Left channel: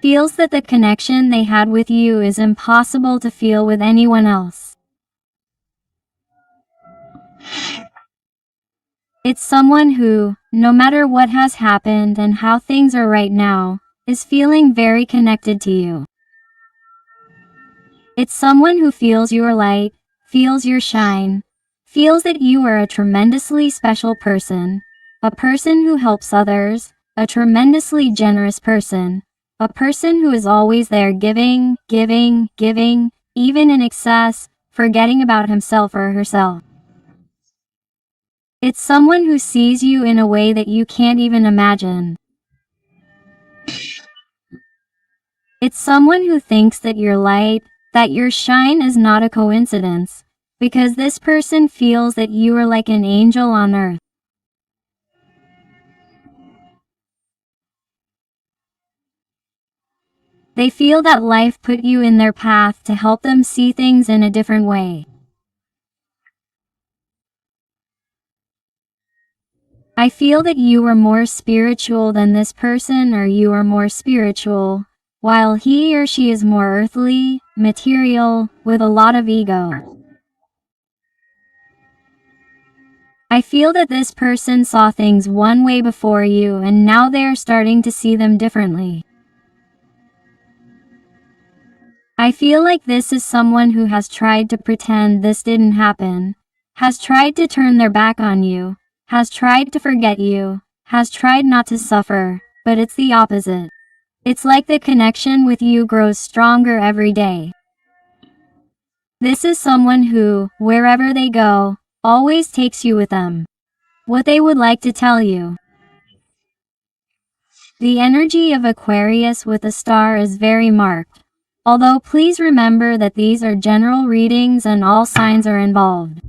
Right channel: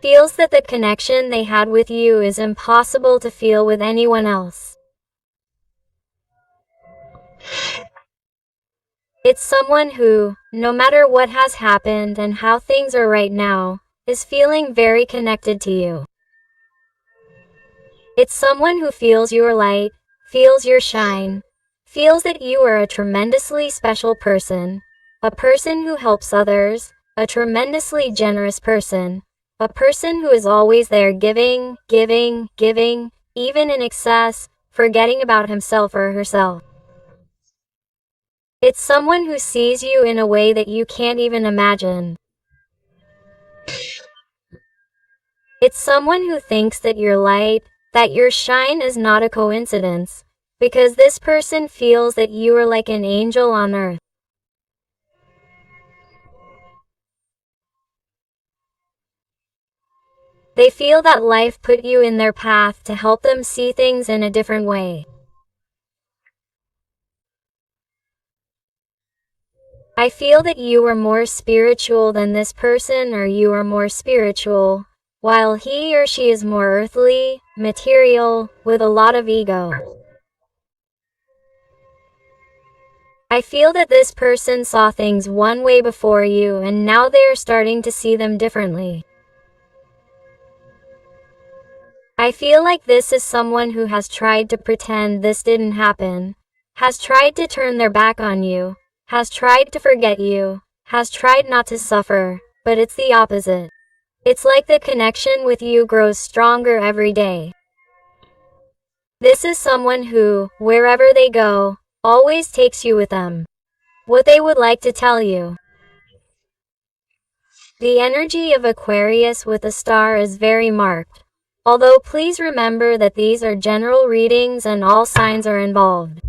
feels that the connection they had with you is impossible to feel with anyone else. It's someone who, no matter what has happened and how things are right now, is feeling very connected to you. It's someone who feels your light, feels your shine, feels that you are a tremendously special person, a person who helps others, a tremendously generous person, a person who is always there giving, giving, giving, even in excess, forgetting about himself or herself. It's someone who sees you in a way that you can't even imagine. It's someone who thinks that your light, that your shine is not a coincidence, because this person feels that you are like an angel on earth. They feel that life put you in their path to help them see things in a different way. I feel that you are more spiritual than this person, or you are more spiritual, while he or she is more earthly, material, with a lot of ego. I feel that this person saw things one way before you and now they are starting to see them differently. I feel like this is someone who has tried to pretend this didn't happen, has tried to turn their back on you, has tried to forget you, has tried not to suffer, but it's the opposite. It's like the connection with you grows stronger every day. This is someone who, wherever they go, always takes you with them. What they would like to tell you. The energy of Aquarius with a star is very marked. Although please remember that these are general readings and all signs are involved.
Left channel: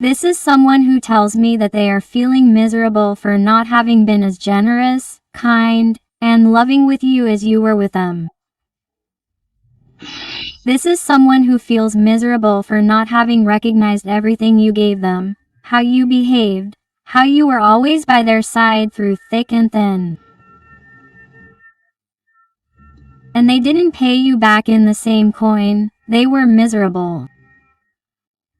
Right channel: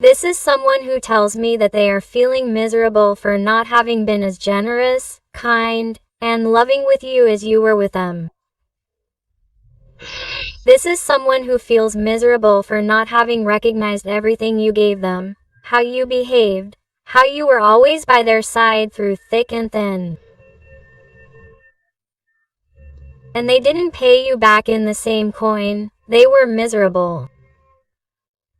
This is someone who tells me that they are feeling miserable for not having been as generous, kind, and loving with you as you were with them. This is someone who feels miserable for not having recognized everything you gave them, how you behaved, how you were always by their side through thick and thin. And they didn't pay you back in the same coin, they were miserable.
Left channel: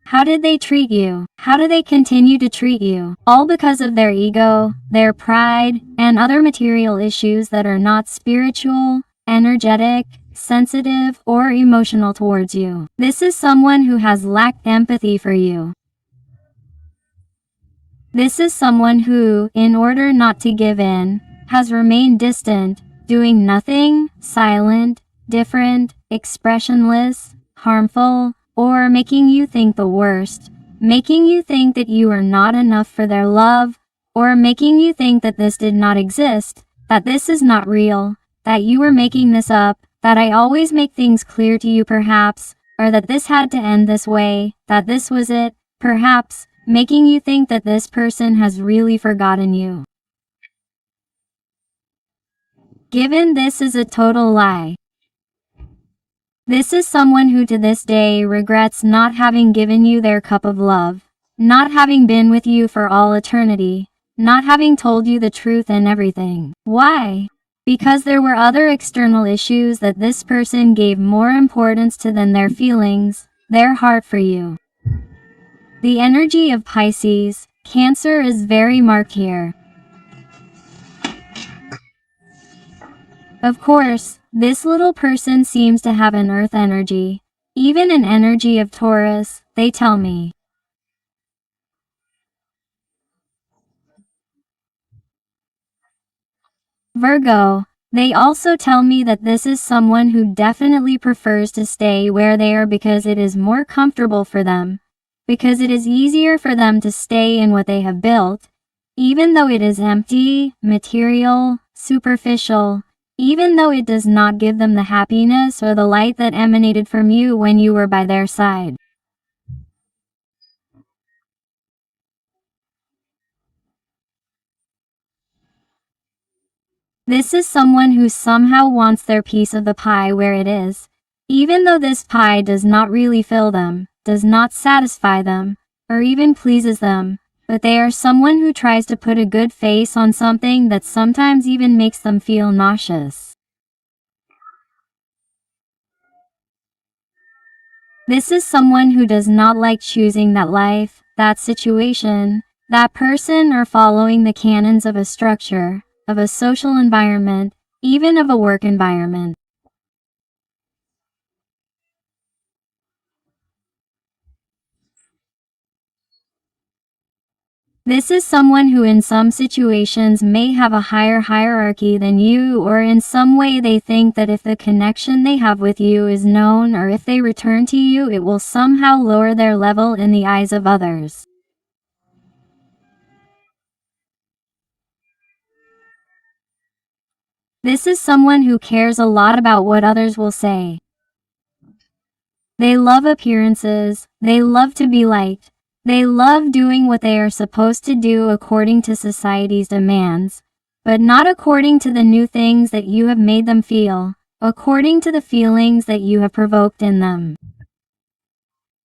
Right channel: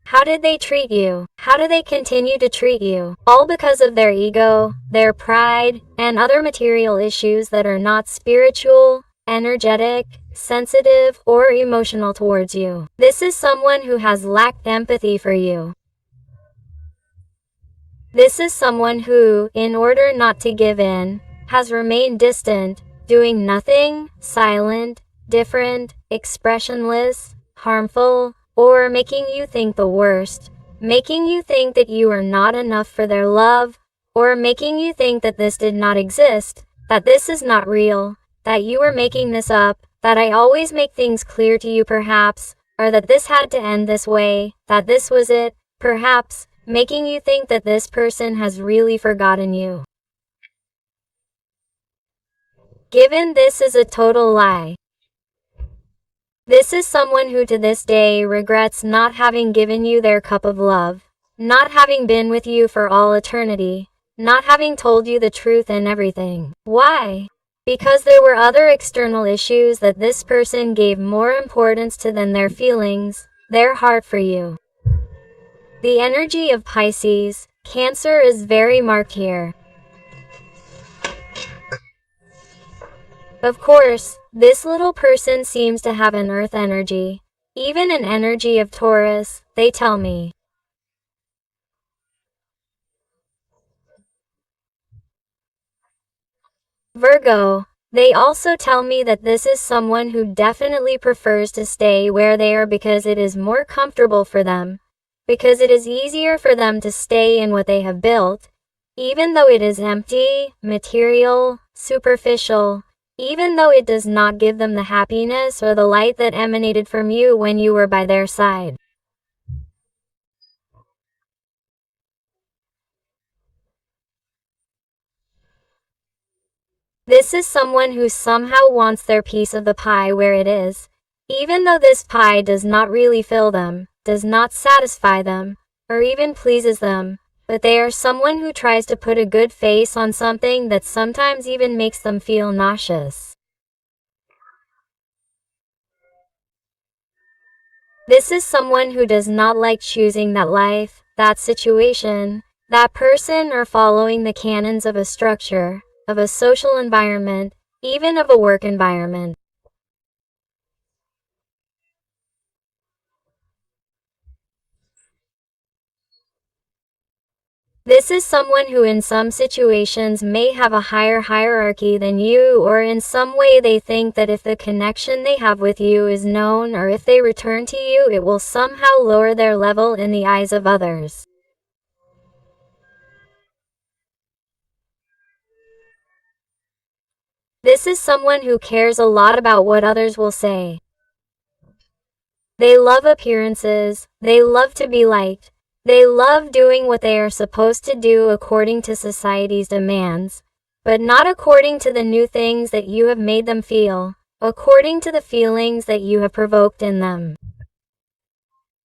How did they treat you? How do they continue to treat you? All because of their ego, their pride, and other material issues that are not spiritual, energetic, sensitive, or emotional towards you. This is someone who has lacked empathy for you. This is someone who, in order not to give in, has remained distant, doing nothing, silent, different, expressionless, harmful, or making you think the worst, making you think that you are not enough for their love, or making you think that this did not exist, that this is not real, that you are making this up, that I always make things clear to you perhaps, or that this had to end this way, that this was it, perhaps, making you think that this person has really forgotten you. Given this is a total lie. This is someone who to this day regrets not having given you their cup of love, not having been with you for all eternity, not having told you the truth and everything. Why? Because there were other external issues that this person gave more importance to than their feelings, their heart for you. The energy of Pisces, Cancer is very marked here. Of course, this little person seems to have an earth energy, even an energy of Taurus, they tell me. Virgo, they also tell me that this is someone who definitely prefers to stay where they are because it is more comfortable for them, because it is easier for them to stay in what they have built, even though it is empty, material, superficial, even though it does not give them the happiness or the light that emanated from you when you were by their side. This is someone who somehow wants their piece of the pie where it is, even though this pie does not really fill them, does not satisfy them, or even pleases them, but they are someone who tries to put a good face on something that sometimes even makes them feel nauseous. This is someone who does not like choosing that life, that situation, that person, or following the canons of a structure, of a social environment, even of a work environment. This is someone who in some situations may have a higher hierarchy than you, or in some way they think that if the connection they have with you is known, or if they return to you, it will somehow lower their level in the eyes of others. This is someone who cares a lot about what others will say. They love appearances, they love to be liked, they love doing what they are supposed to do according to society's demands, but not according to the new things that you have made them feel, according to the feelings that you have provoked in them.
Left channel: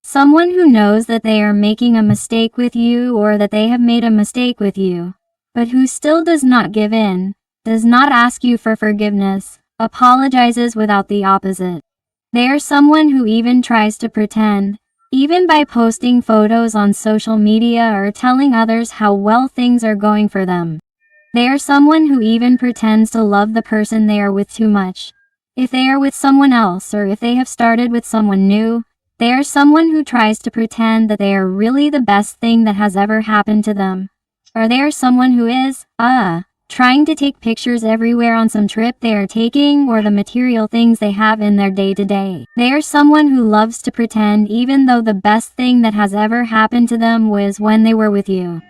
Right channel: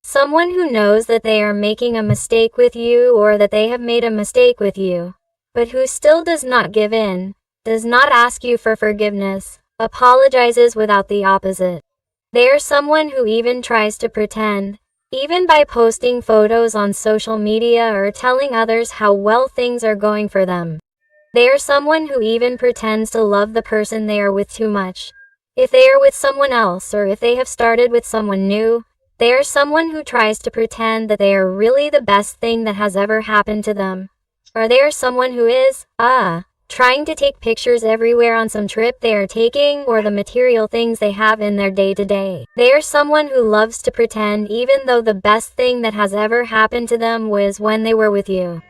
Someone who knows that they are making a mistake with you, or that they have made a mistake with you, but who still does not give in, does not ask you for forgiveness, apologizes without the opposite. They are someone who even tries to pretend, even by posting photos on social media or telling others how well things are going for them. They are someone who even pretends to love the person they are with too much. If they are with someone else, or if they have started with someone new, they are someone who tries to pretend that they are really the best thing that has ever happened to them. Or they are someone who is, trying to take pictures everywhere on some trip they are taking, or the material things they have in their day-to-day. They are someone who loves to pretend even though the best thing that has ever happened to them was when they were with you.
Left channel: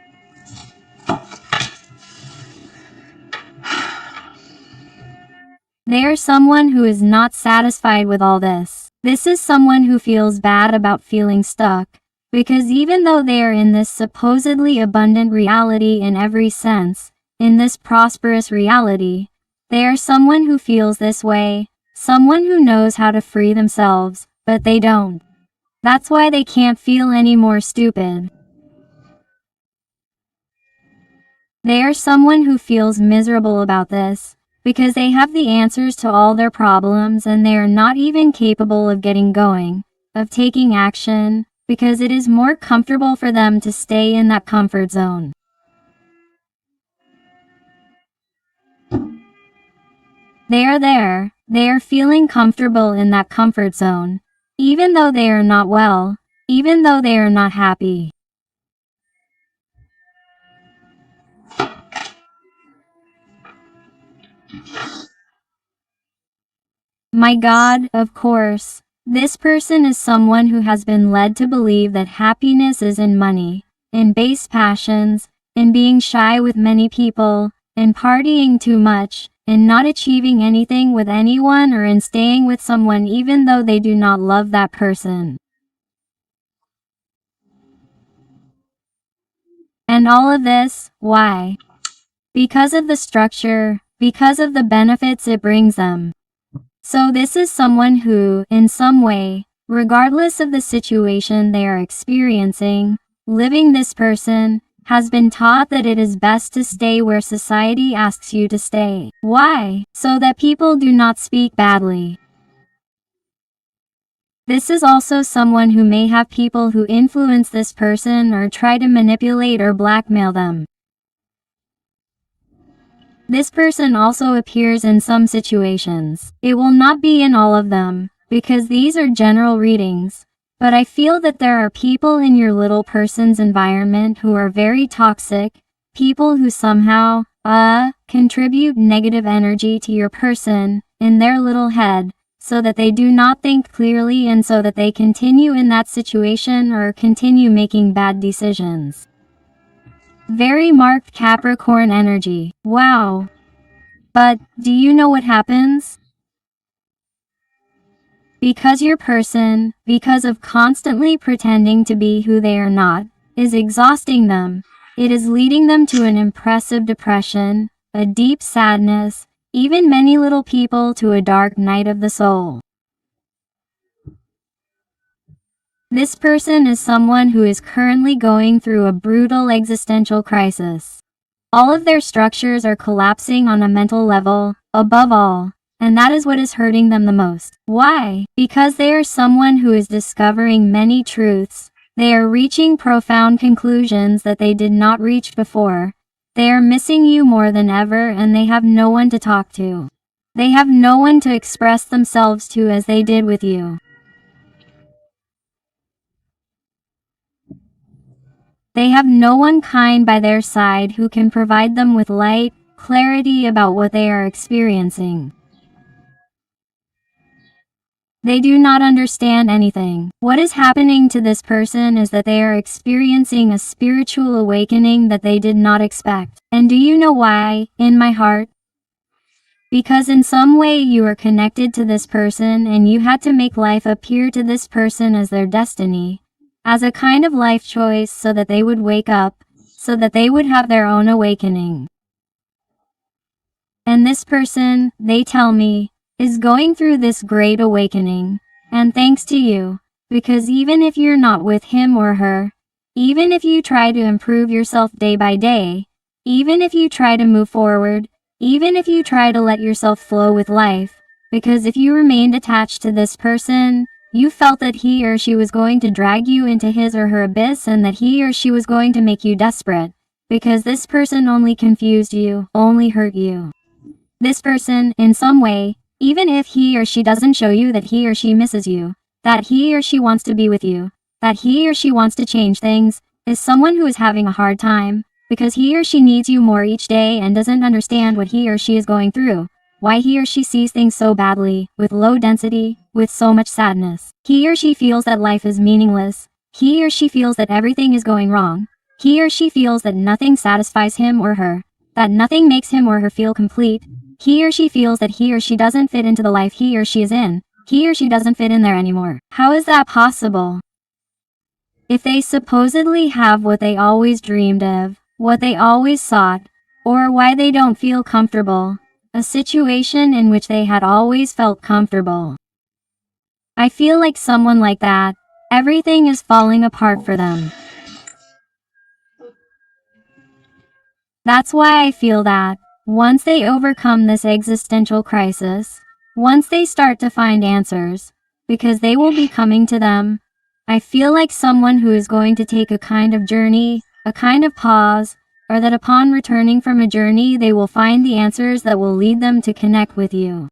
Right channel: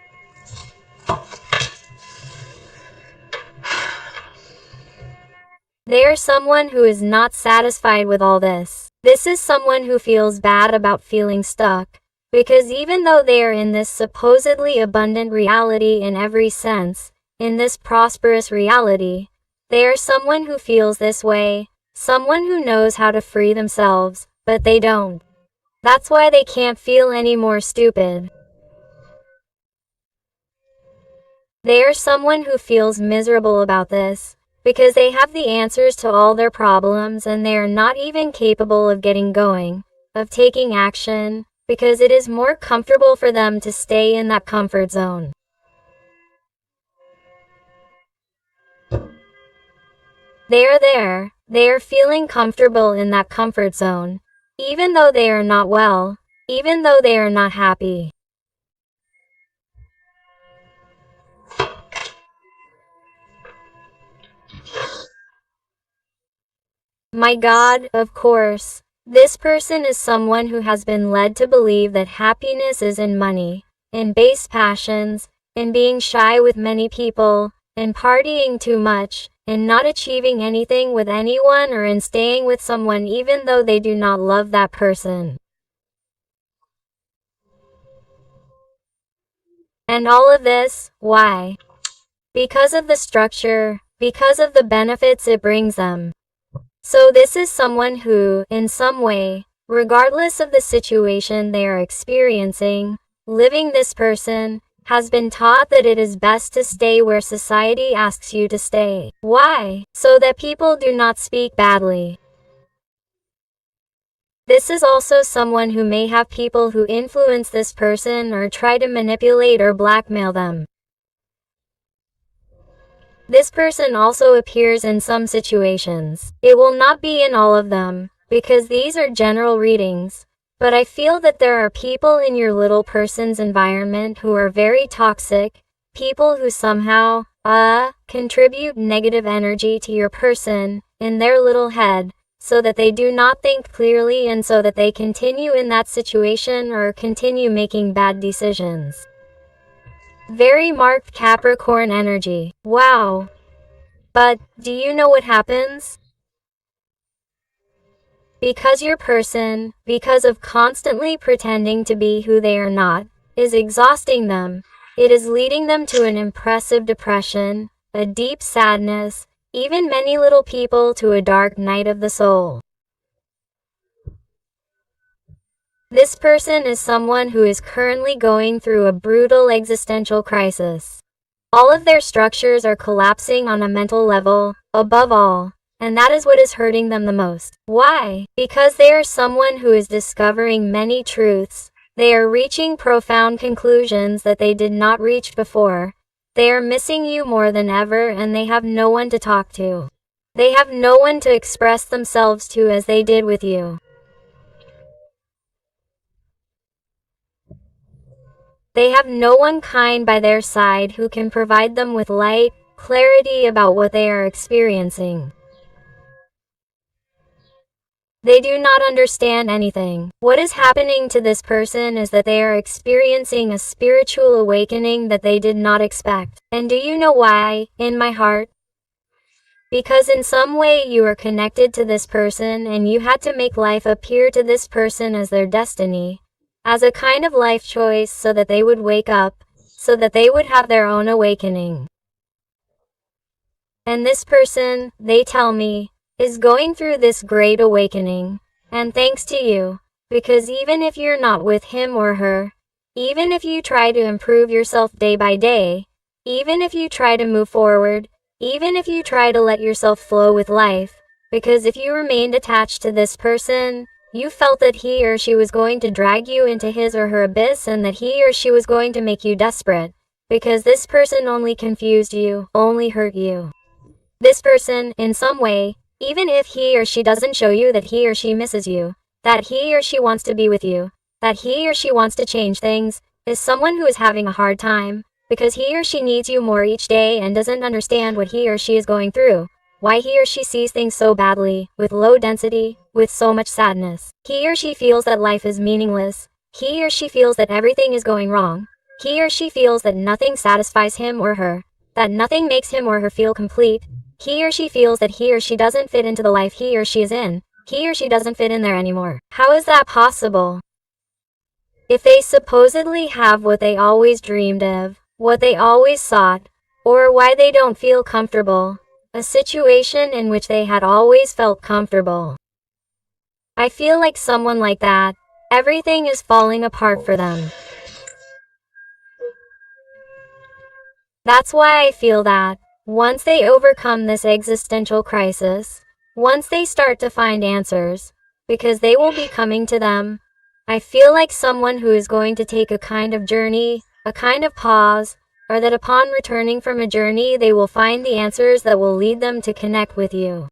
They are someone who is not satisfied with all this. This is someone who feels bad about feeling stuck, because even though they are in this supposedly abundant reality in every sense, in this prosperous reality, they are someone who feels this way, someone who knows how to free themselves, but they don't. That's why they can't feel any more stupid. They are someone who feels miserable about this, because they have the answers to all their problems and they are not even capable of getting going, of taking action, because it is more comfortable for them to stay in that comfort zone. They are there, they are feeling comfortable in that comfort zone, even though they are not well, even though they are not happy. My God, of course, this person is someone who has been led to believe that happiness is in money, in base passions, in being shy with many people, in partying too much, in not achieving anything with anyone, or in staying with someone even though they do not love that person. And all of this, why? Because of the structure, because of the benefits it brings them. So this is someone who, in some way, regardless of the situation they are experiencing, living, this person has been taught that it is best to stay where society asks you to stay. Why? So that people do not speak badly. This is also someone who may have people who influence this person or try to manipulate or blackmail them. This person also appears in some situations. It will not be in all of them, because these are general readings, but I feel that there are people in your little person's environment who are very toxic, people who somehow, contribute negative energy to your person, in their little head, so that they do not think clearly and so that they continue in that situation or continue making bad decisions. Very marked Capricorn energy. Wow. But, do you know what happens? Because your person, because of constantly pretending to be who they are not, is exhausting them. It is leading them to an impressive depression, a deep sadness, even many little people to a dark night of the soul. This person is someone who is currently going through a brutal existential crisis. All of their structures are collapsing on a mental level, above all, and that is what is hurting them the most. Why? Because they are someone who is discovering many truths. They are reaching profound conclusions that they did not reach before. They are missing you more than ever, and they have no one to talk to. They have no one to express themselves to as they did with you. They have no one kind by their side who can provide them with light, clarity about what they are experiencing. They do not understand anything. What is happening to this person is that they are experiencing a spiritual awakening that they did not expect. And do you know why, in my heart? Because in some way you are connected to this person and you had to make life appear to this person as their destiny, as a kind of life choice so that they would wake up, so that they would have their own awakening. And this person, they tell me, is going through this great awakening, and thanks to you, because even if you're not with him or her, even if you try to improve yourself day by day, even if you try to move forward, even if you try to let yourself flow with life, because if you remained attached to this person, you felt that he or she was going to drag you into his or her abyss and that he or she was going to make you desperate, because this person only confused you, only hurt you. This person, in some way, even if he or she doesn't show you that he or she misses you, that he or she wants to be with you, that he or she wants to change things, is someone who is having a hard time, because he or she needs you more each day and doesn't understand what he or she is going through, why he or she sees things so badly, with low density, with so much sadness. He or she feels that life is meaningless. He or she feels that everything is going wrong. He or she feels that nothing satisfies him or her, that nothing makes him or her feel complete. He or she feels that he or she doesn't fit into the life he or she is in. He or she doesn't fit in there anymore. How is that possible? If they supposedly have what they always dreamed of, what they always sought, or why they don't feel comfortable, a situation in which they had always felt comfortable. I feel like someone like that, everything is falling apart for them. That's why I feel that, once they overcome this existential crisis, once they start to find answers, because they will be coming to them, I feel like someone who is going to take a kind of journey, a kind of pause, or that upon returning from a journey they will find the answers that will lead them to connect with you.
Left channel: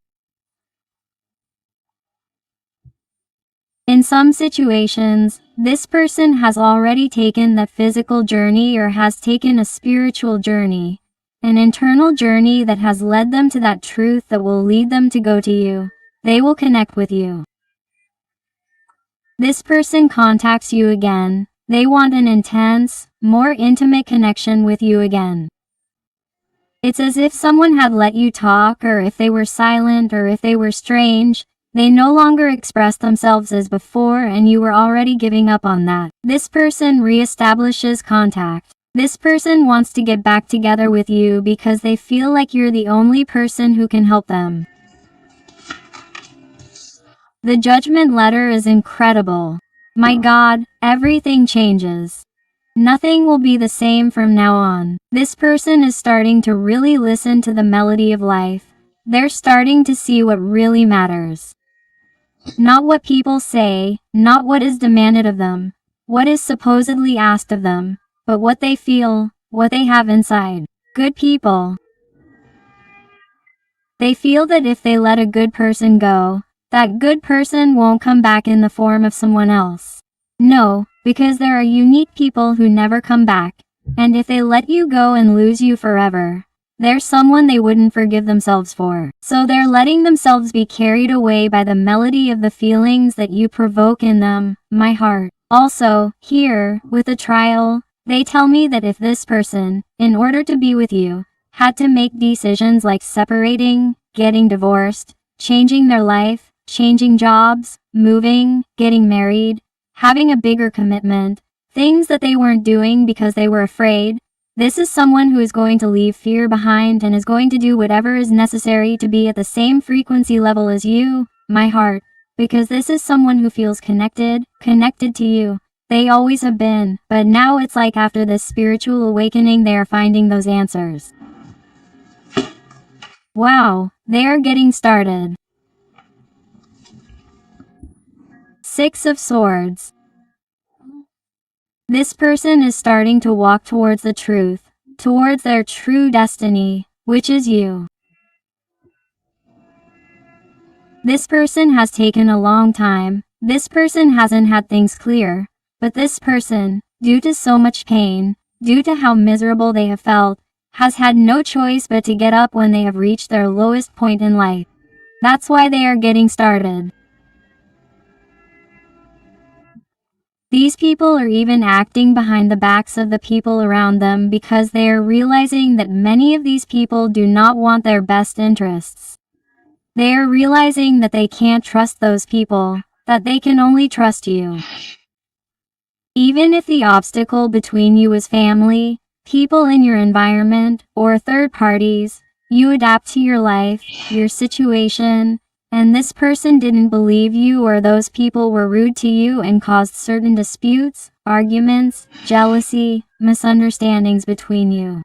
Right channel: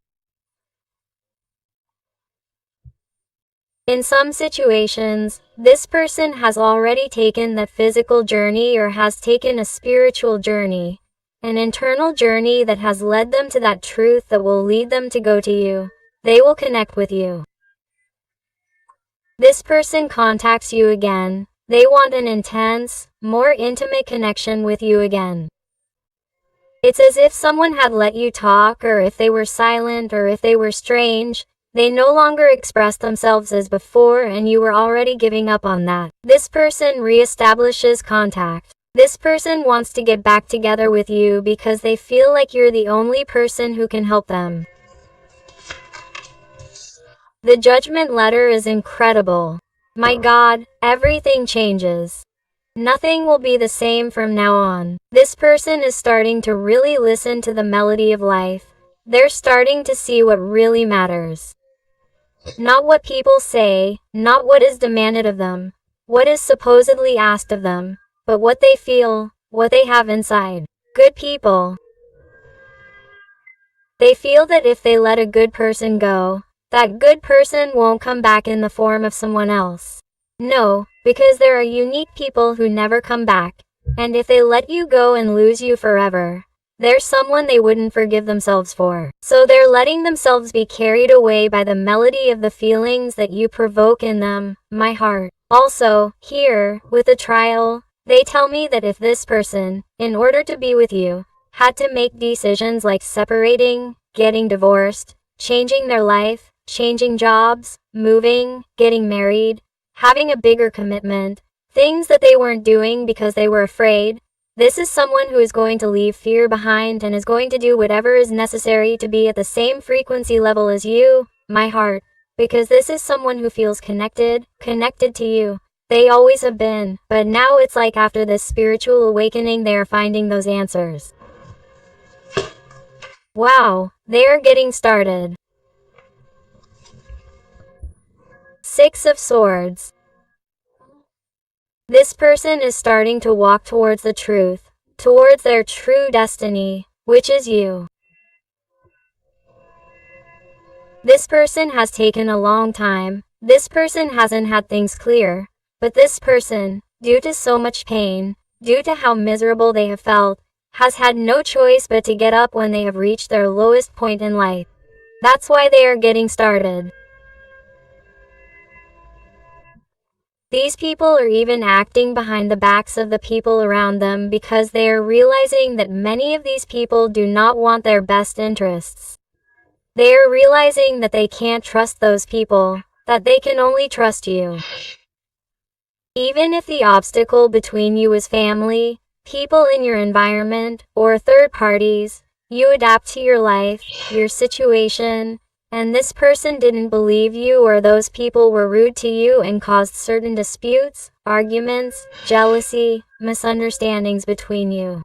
In some situations, this person has already taken that physical journey or has taken a spiritual journey, an internal journey that has led them to that truth that will lead them to go to you. They will connect with you. This person contacts you again. They want an intense, more intimate connection with you again. It's as if someone had let you talk, or if they were silent, or if they were strange, they no longer expressed themselves as before and you were already giving up on that. This person reestablishes contact. This person wants to get back together with you because they feel like you're the only person who can help them. The judgment letter is incredible. My God, everything changes. Nothing will be the same from now on. This person is starting to really listen to the melody of life. They're starting to see what really matters. Not what people say, not what is demanded of them, what is supposedly asked of them, but what they feel, what they have inside. Good people. They feel that if they let a good person go, that good person won't come back in the form of someone else. No, because there are unique people who never come back, and if they let you go and lose you forever, there's someone they wouldn't forgive themselves for. So they're letting themselves be carried away by the melody of the feelings that you provoke in them, my heart. Also, here, with the trial, they tell me that if this person, in order to be with you, had to make decisions like separating, getting divorced, changing their life, changing jobs, moving, getting married, having a bigger commitment, things that they weren't doing because they were afraid, this is someone who is going to leave fear behind and is going to do whatever is necessary to be at the same frequency level as you, my heart, because this is someone who feels connected to you. They always have been, but now it's like after this spiritual awakening they are finding those answers. Wow, they are getting started. Six of Swords. This person is starting to walk towards the truth, towards their true destiny, which is you. This person has taken a long time. This person hasn't had things clear. But this person, due to so much pain, due to how miserable they have felt, has had no choice but to get up when they have reached their lowest point in life. That's why they are getting started. These people are even acting behind the backs of the people around them because they are realizing that many of these people do not want their best interests. They are realizing that they can't trust those people, that they can only trust you. Even if the obstacle between you is family, people in your environment, or third parties, you adapt to your life, your situation, and this person didn't believe you or those people were rude to you and caused certain disputes, arguments, jealousy, misunderstandings between you.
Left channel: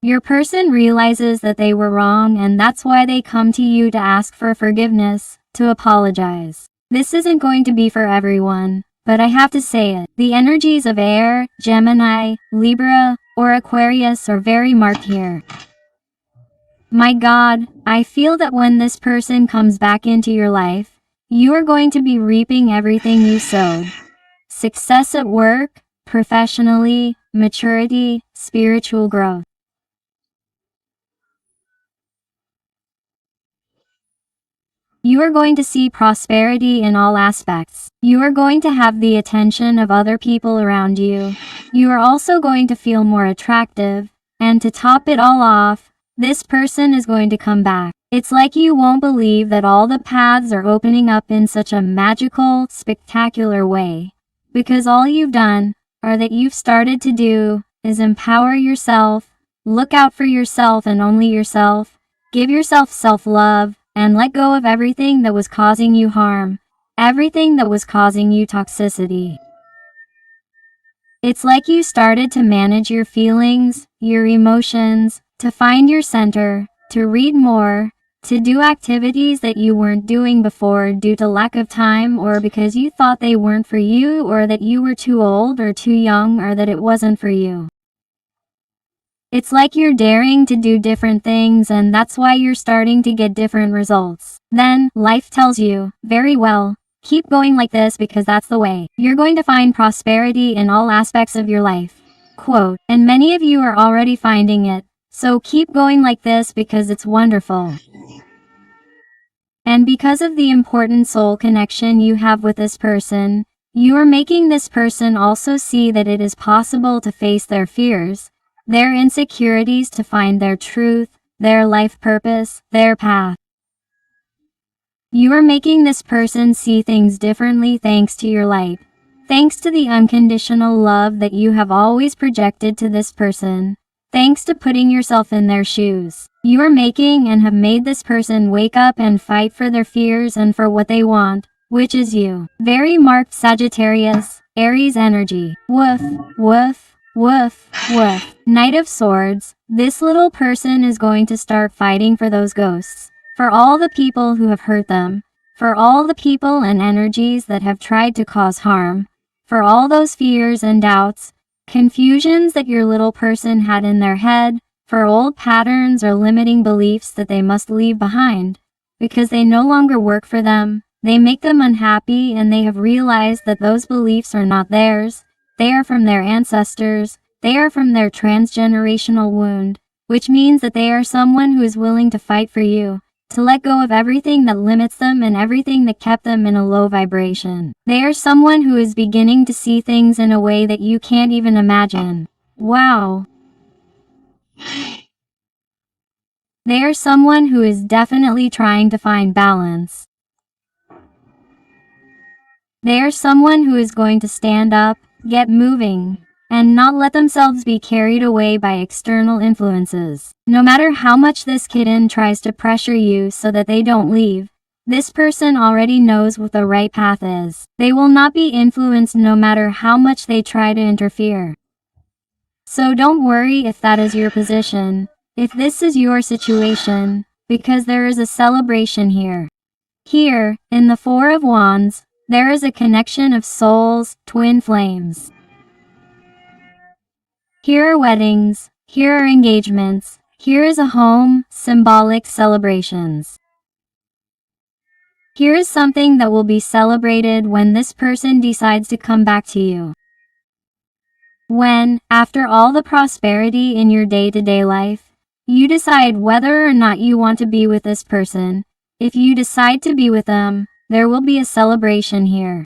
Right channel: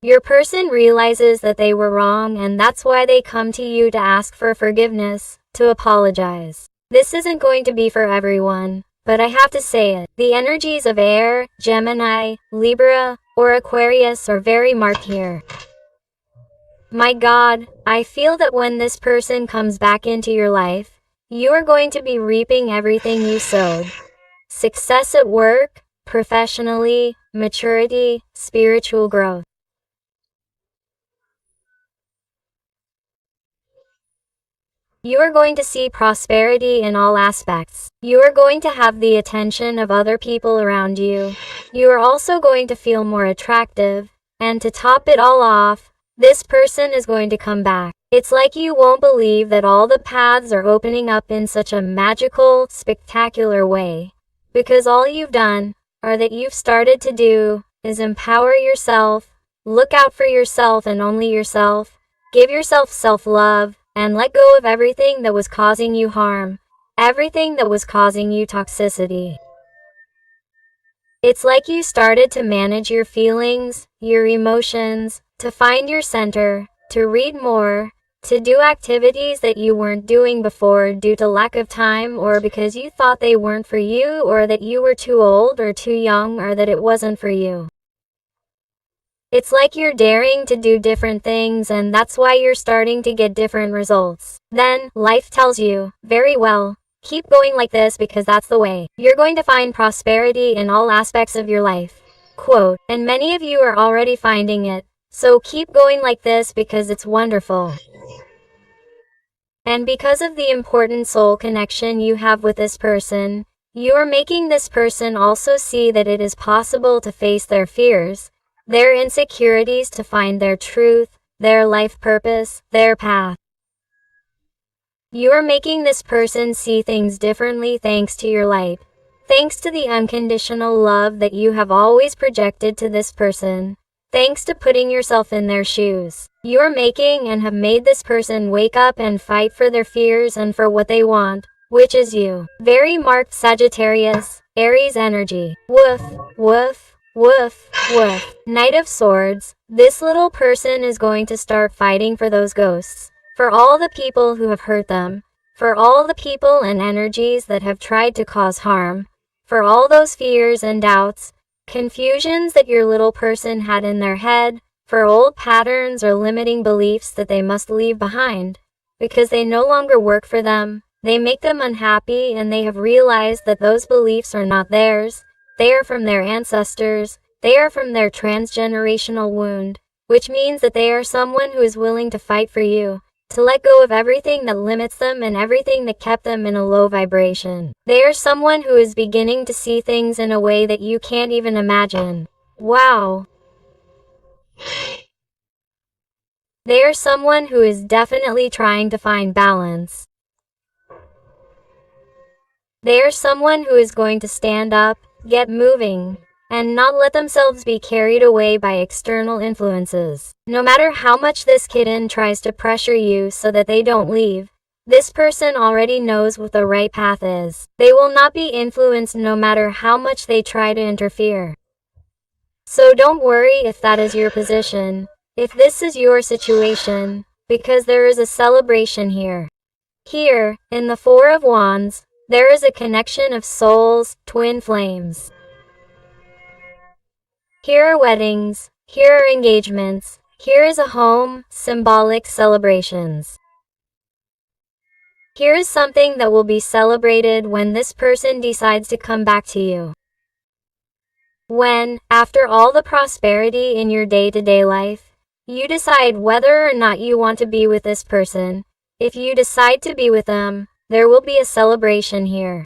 Your person realizes that they were wrong and that's why they come to you to ask for forgiveness, to apologize. This isn't going to be for everyone, but I have to say it. The energies of Air, Gemini, Libra, or Aquarius are very marked here. My God, I feel that when this person comes back into your life, you are going to be reaping everything you sowed. Success at work, professionally, maturity, spiritual growth. You are going to see prosperity in all aspects. You are going to have the attention of other people around you. You are also going to feel more attractive. And to top it all off, this person is going to come back. It's like you won't believe that all the paths are opening up in such a magical, spectacular way. Because all you've done, or that you've started to do, is empower yourself, look out for yourself and only yourself, give yourself self-love, and let go of everything that was causing you harm, everything that was causing you toxicity. It's like you started to manage your feelings, your emotions, to find your center, to read more, to do activities that you weren't doing before due to lack of time or because you thought they weren't for you or that you were too old or too young or that it wasn't for you. It's like you're daring to do different things and that's why you're starting to get different results. Then, life tells you, very well, keep going like this because that's the way. You're going to find prosperity in all aspects of your life. Quote, and many of you are already finding it, so keep going like this because it's wonderful. And because of the important soul connection you have with this person, you are making this person also see that it is possible to face their fears, their insecurities to find their truth, their life purpose, their path. You are making this person see things differently thanks to your light. Thanks to the unconditional love that you have always projected to this person. Thanks to putting yourself in their shoes. You are making and have made this person wake up and fight for their fears and for what they want, which is you. Very marked Sagittarius, Aries energy. Woof, woof. Woof, woof. Knight of Swords, this little person is going to start fighting for those ghosts, for all the people who have hurt them, for all the people and energies that have tried to cause harm, for all those fears and doubts, confusions that your little person had in their head, for old patterns or limiting beliefs that they must leave behind, because they no longer work for them, they make them unhappy and they have realized that those beliefs are not theirs. They are from their ancestors, they are from their transgenerational wound, which means that they are someone who is willing to fight for you, to let go of everything that limits them and everything that kept them in a low vibration. They are someone who is beginning to see things in a way that you can't even imagine. Wow. They are someone who is definitely trying to find balance. They are someone who is going to stand up, get moving, and not let themselves be carried away by external influences. No matter how much this kitten tries to pressure you so that they don't leave, This person already knows what the right path is. They will not be influenced no matter how much they try to interfere. So don't worry if that is your position, if this is your situation, because there is a celebration here. Here, in the Four of Wands, there is a connection of souls, twin flames. Here are weddings, here are engagements, here is a home, symbolic celebrations. Here is something that will be celebrated when this person decides to come back to you. When, after all the prosperity in your day-to-day life, you decide whether or not you want to be with this person, if you decide to be with them, there will be a celebration here.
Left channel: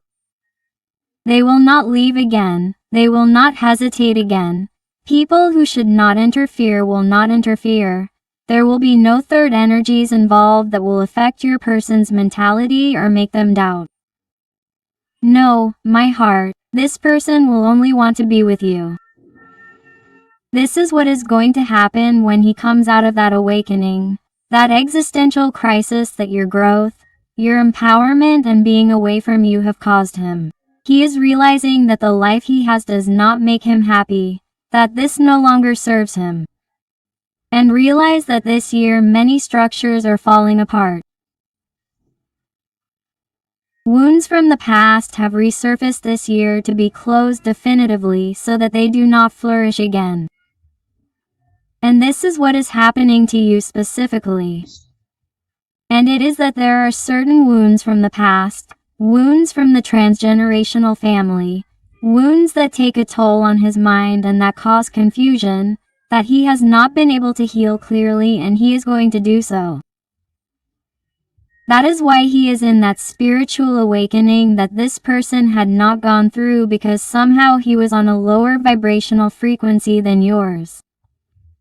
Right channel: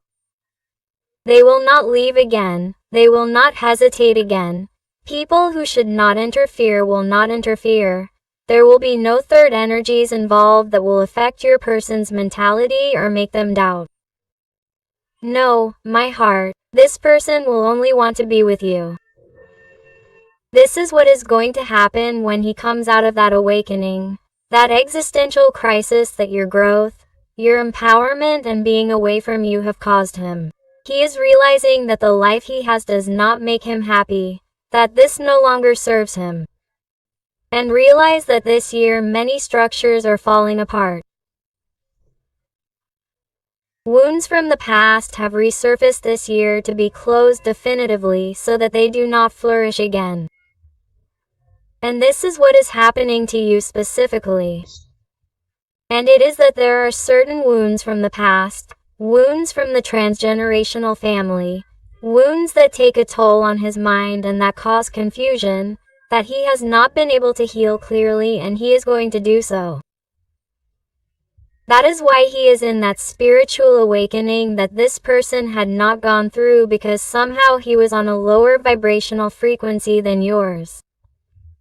They will not leave again, they will not hesitate again. People who should not interfere will not interfere. There will be no third energies involved that will affect your person's mentality or make them doubt. No, my heart, this person will only want to be with you. This is what is going to happen when he comes out of that awakening, that existential crisis that your growth, your empowerment and being away from you have caused him. He is realizing that the life he has does not make him happy, that this no longer serves him. And realize that this year many structures are falling apart. Wounds from the past have resurfaced this year to be closed definitively so that they do not flourish again. And this is what is happening to you specifically. And it is that there are certain wounds from the past, wounds from the transgenerational family, wounds that take a toll on his mind and that cause confusion, that he has not been able to heal clearly and he is going to do so. That is why he is in that spiritual awakening that this person had not gone through, because somehow he was on a lower vibrational frequency than yours.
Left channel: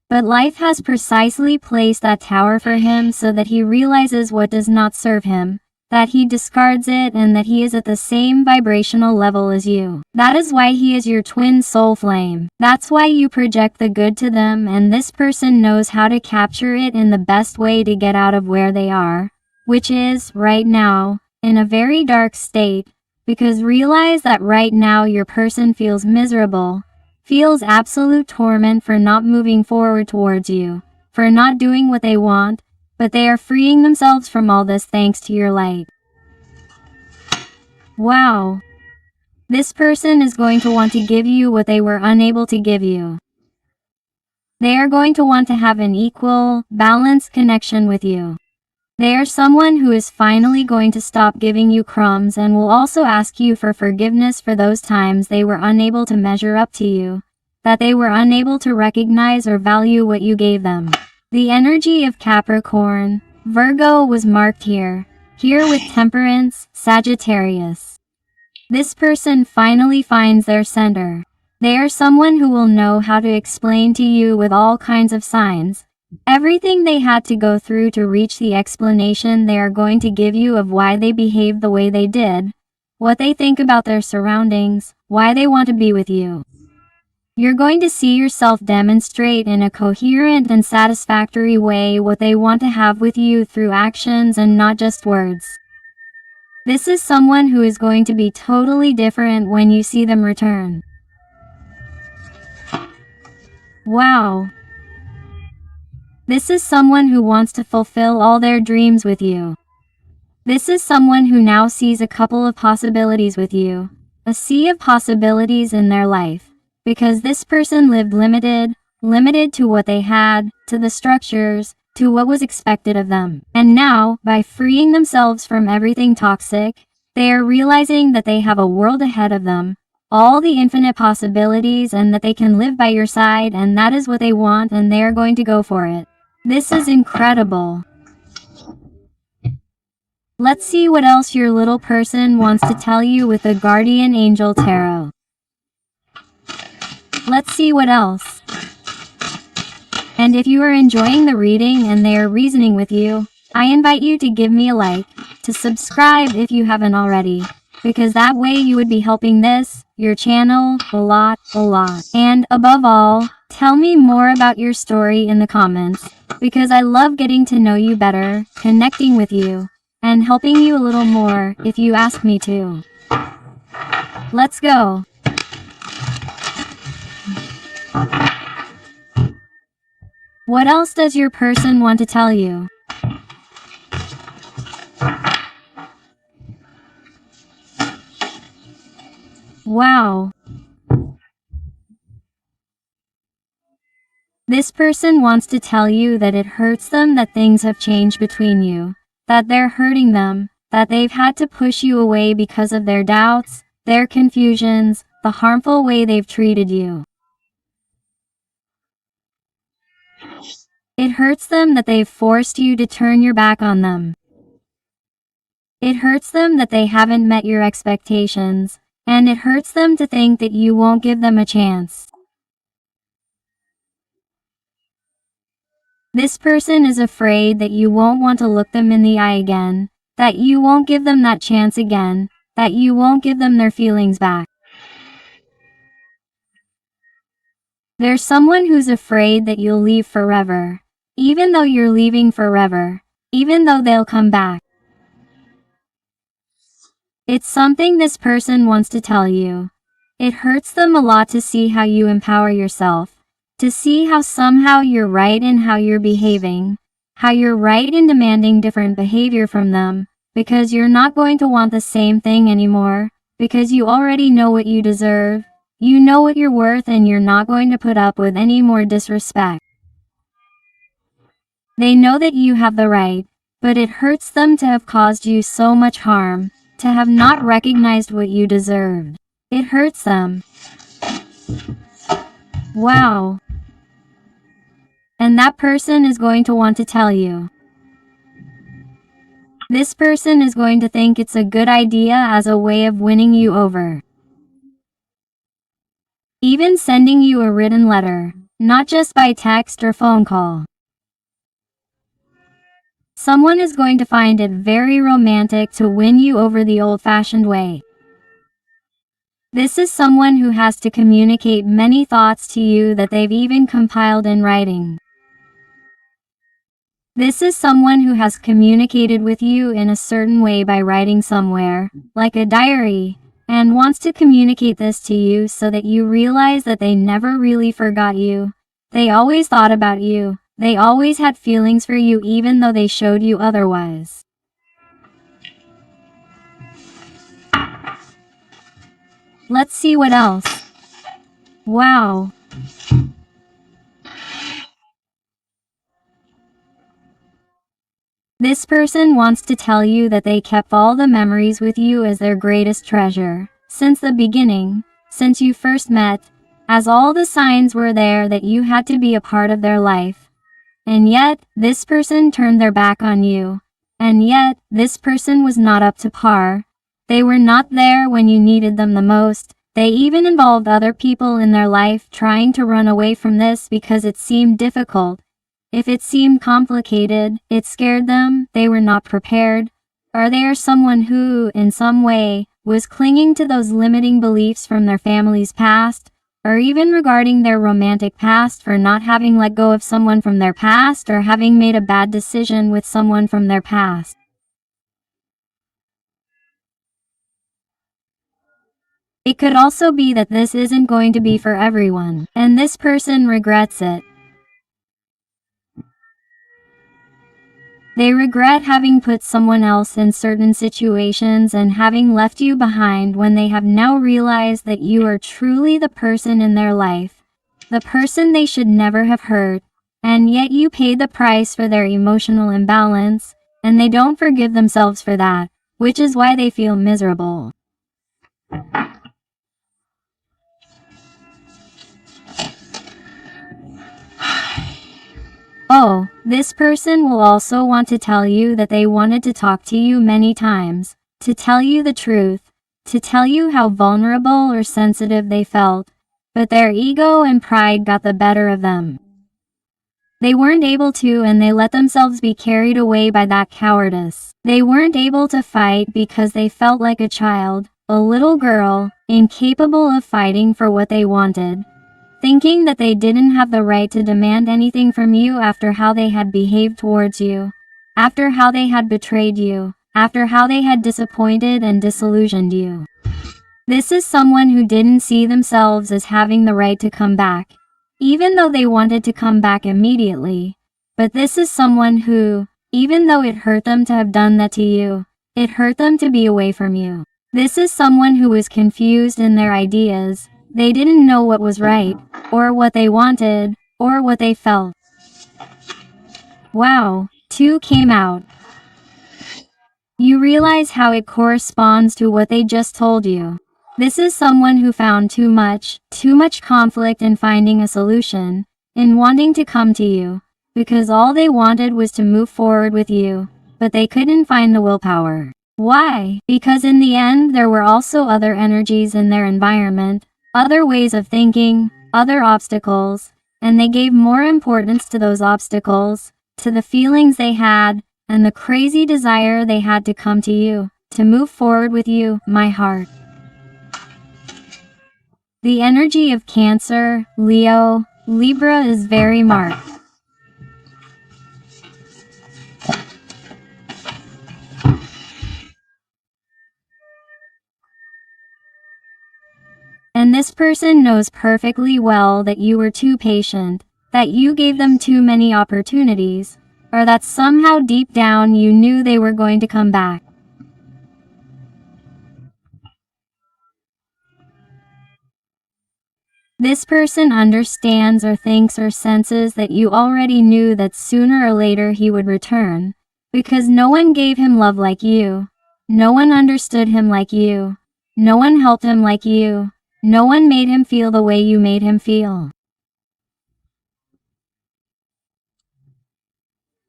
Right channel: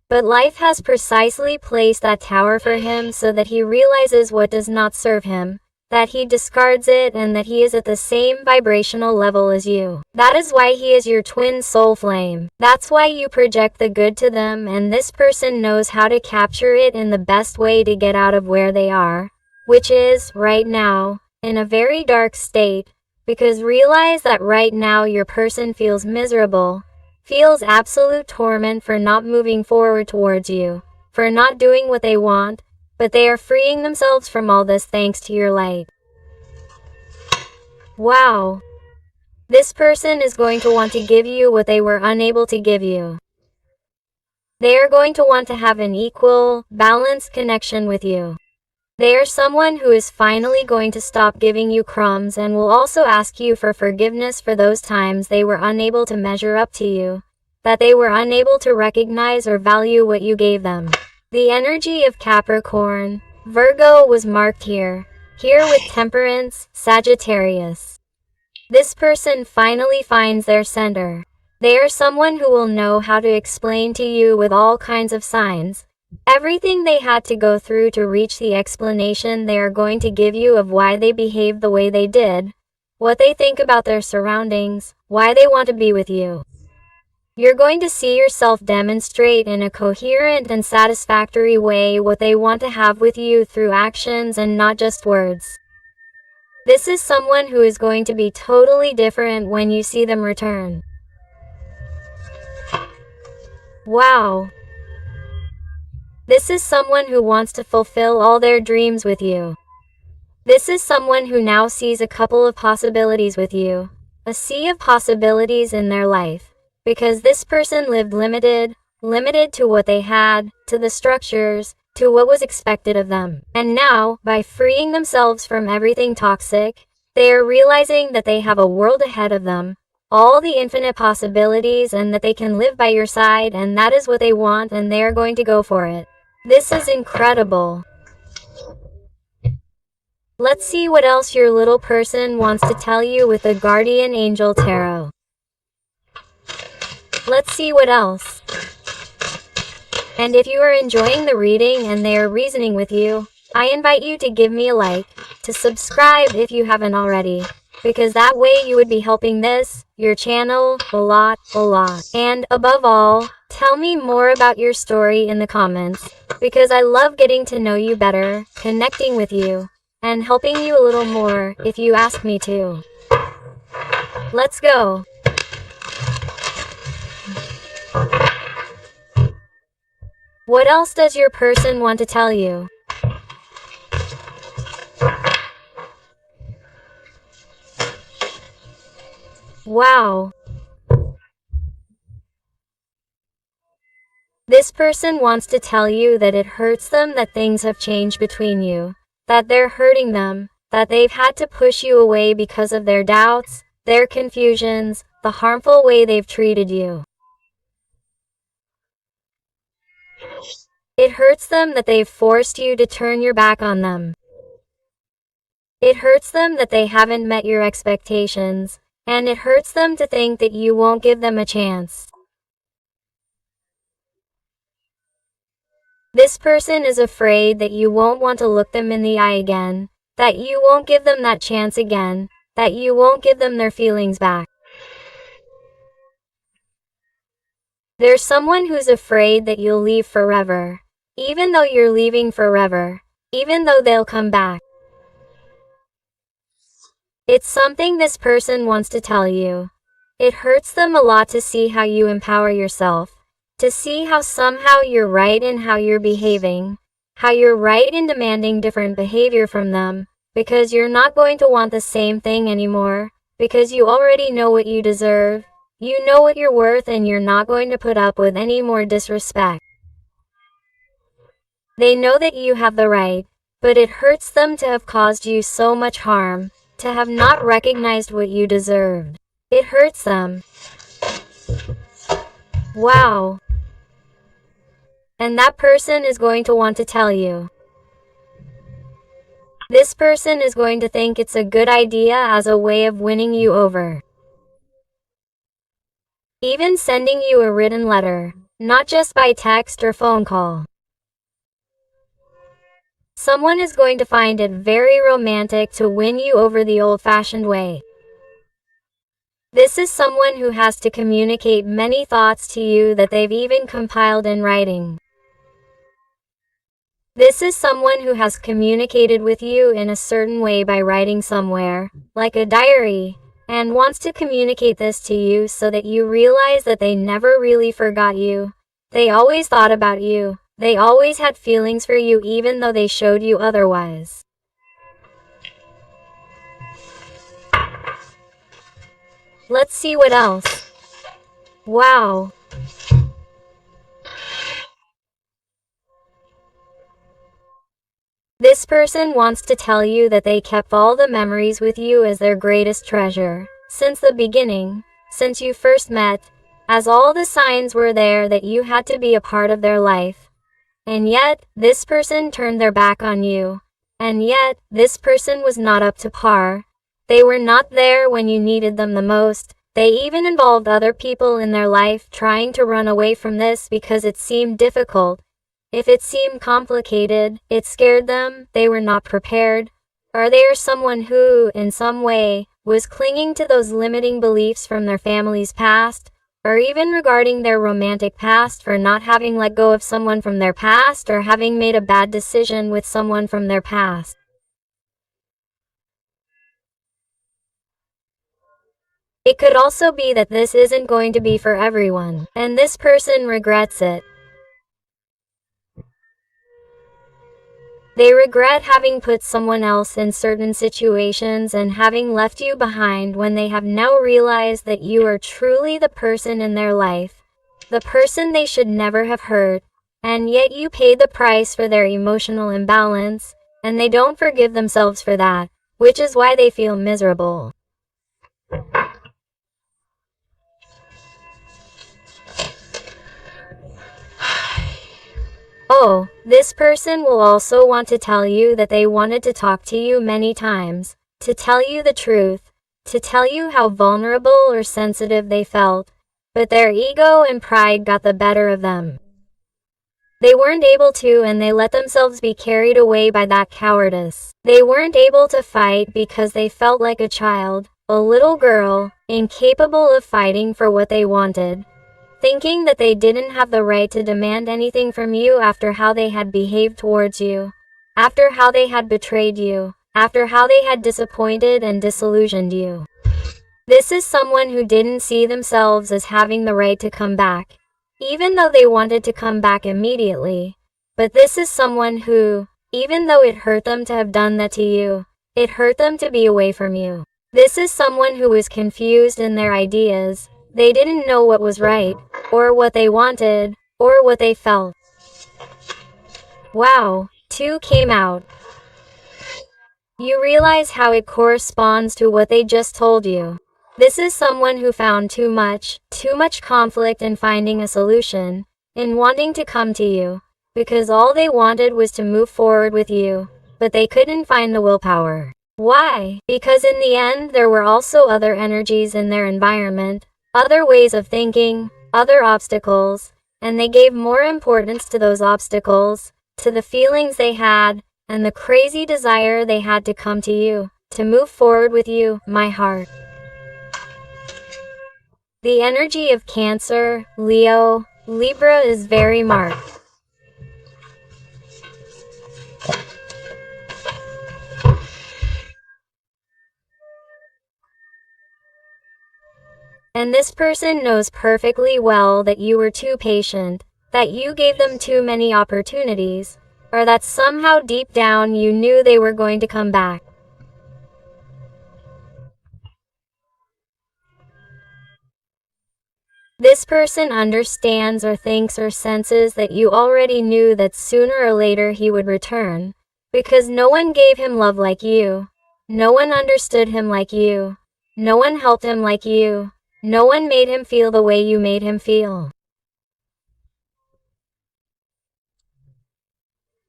But life has precisely placed that tower for him so that he realizes what does not serve him, that he discards it and that he is at the same vibrational level as you. That is why he is your twin soul flame. That's why you project the good to them and this person knows how to capture it in the best way to get out of where they are, which is, right now, in a very dark state, because realize that right now your person feels miserable, feels absolute torment for not moving forward towards you, for not doing what they want, but they are freeing themselves from all this thanks to your light. Wow. This person is going to want to give you what they were unable to give you. They are going to want to have an equal, balanced connection with you. They are someone who is finally going to stop giving you crumbs and will also ask you for forgiveness for those times they were unable to measure up to you, that they were unable to recognize or value what you gave them. The energy of Capricorn, Virgo was marked here with Temperance, Sagittarius. This person finally finds their center. They are someone who will know how to explain to you with all kinds of signs, everything they had to go through to reach the explanation they are going to give you of why they behaved the way they did, what they think about their surroundings, why they want to be with you. You're going to see yourself demonstrate in a coherent and satisfactory way what they want to have with you through actions and not just words. This is someone who is going to be totally different when you see them return. Wow. This is someone who wants to fulfill all their dreams with you. This is someone who now sees a couple of possibilities with you, a sea of possibilities in their life. Because this person lived limited to what they had, to the structures, to what was expected of them. And now, by freeing themselves from everything toxic, they are realizing that they have a world ahead of them, all the infinite possibilities, and that they can live by your side, and that is what they want and they are going to go for it. This is incredible. Let's see what else your little person wants to tell you with the Guardian Angel Tarot. Let's see what else. And if you are enjoying the reading and they are reasoning with you, I invite you to give me a like, to subscribe if you haven't already, because that way you would be helping this, your channel, a lot. And above all, tell me more about your story in the comments, because I love getting to know you better, connecting with you, and helping you a little more if you ask me to. Let's go. What else does your person want to tell you? Wow. This person wants to tell you that it hurts them that things have changed between you, that they're hurting them, that they've had to push you away because of their doubts, their confusions, the harmful way they've treated you. It hurts them that they've forced you to turn your back on them. It hurts them that they haven't met your expectations, and it hurts them to think that you won't give them a chance. This person is afraid that you won't want to look them in the eye again, that you won't give them that chance again, that you won't give them their feelings back. There's someone who's afraid that you'll leave forever, even though you're leaving forever, even though they'll come back. It's something this person wants to tell you. It hurts them a lot to see how you empower yourself, to see how somehow you're right in how you're behaving, how you're right in demanding different behavior from them, because you're not going to want the same thing anymore, because you already know what you deserve, you know what you're worth, and you're not going to put up with any more disrespect. They know that you have the right, but it hurts them to have caused you so much harm, to have not recognized what you deserved. It hurts them. Wow. And that person is going to want to tell you. This person is going to think it's a good idea as a way of winning you over. Even sending you a written letter, not just by text or phone call. Someone is going to find it very romantic to win you over the old-fashioned way. This is someone who has to communicate many thoughts to you that they've even compiled in writing. This is someone who has communicated with you in a certain way by writing somewhere, like a diary, and wants to communicate this to you so that you realize that they never really forgot you. They always thought about you. They always had feelings for you even though they showed you otherwise. Let's see what else. Wow. This person wants to tell you that they kept all the memories with you as their greatest treasure, since the beginning, since you first met, as all the signs were there that you had to be a part of their life. And yet, this person turned their back on you. And yet, this person was not up to par. They were not there when you needed them the most. They even involved other people in their life trying to run away from this because it seemed difficult. If it seemed complicated, it scared them, they were not prepared. Or they are someone who, in some way, was clinging to those limiting beliefs from their family's past, or even regarding their romantic past for not having let go of someone from their past or having made a bad decision with someone from their past. It could also be that this isn't going to be for everyone, and this person regrets it. They regret having put someone else in certain situations and having left you behind when they have now realized that you are truly the person in their life, the person they should never have hurt, and yet you paid the price for their emotional imbalance, and they don't forgive themselves for that, which is why they feel miserable. Oh, this person will also want to tell you that they wanted to talk to you many times, to tell you the truth, to tell you how vulnerable or sensitive they felt, but their ego and pride got the better of them. They weren't able to, and they let themselves be carried away by that cowardice. They weren't able to fight because they felt like a child, a little girl, incapable of fighting for what they wanted. Thinking that they didn't have the right to demand anything from you after how they had behaved towards you, after how they had betrayed you, after how they had disappointed and disillusioned you. This is someone who didn't see themselves as having the right to come back, even though they wanted to come back immediately. But this is someone who, even though it hurt them to have done that to you, it hurt them to be away from you. This is someone who was confused in their ideas. They didn't know what was right, or what they wanted, or what they felt. Wow, 2 came out. You realize how it corresponds to what they just told you. This is someone who found too much conflict in finding a solution, in wanting to come to you, because all they wanted was to move forward with you, but they couldn't find the willpower. Why? Because in the end there were also other energies in their environment, other ways of thinking, other obstacles, and they gave more importance to those obstacles, to the feelings they had, and the crazy desire they had to come to you, to move forward with you, my heart. The energy of Cancer, Leo, Libra is very marked. And this person knows perfectly well that you were too patient, that you gave them too many opportunities, or that somehow deep down you knew they were going to come back. This person understands or thinks or senses that you already knew that sooner or later he would return, because no one gave him love like you, no one understood him like you, no one helped him like you, no one made him feel the way you made him feel.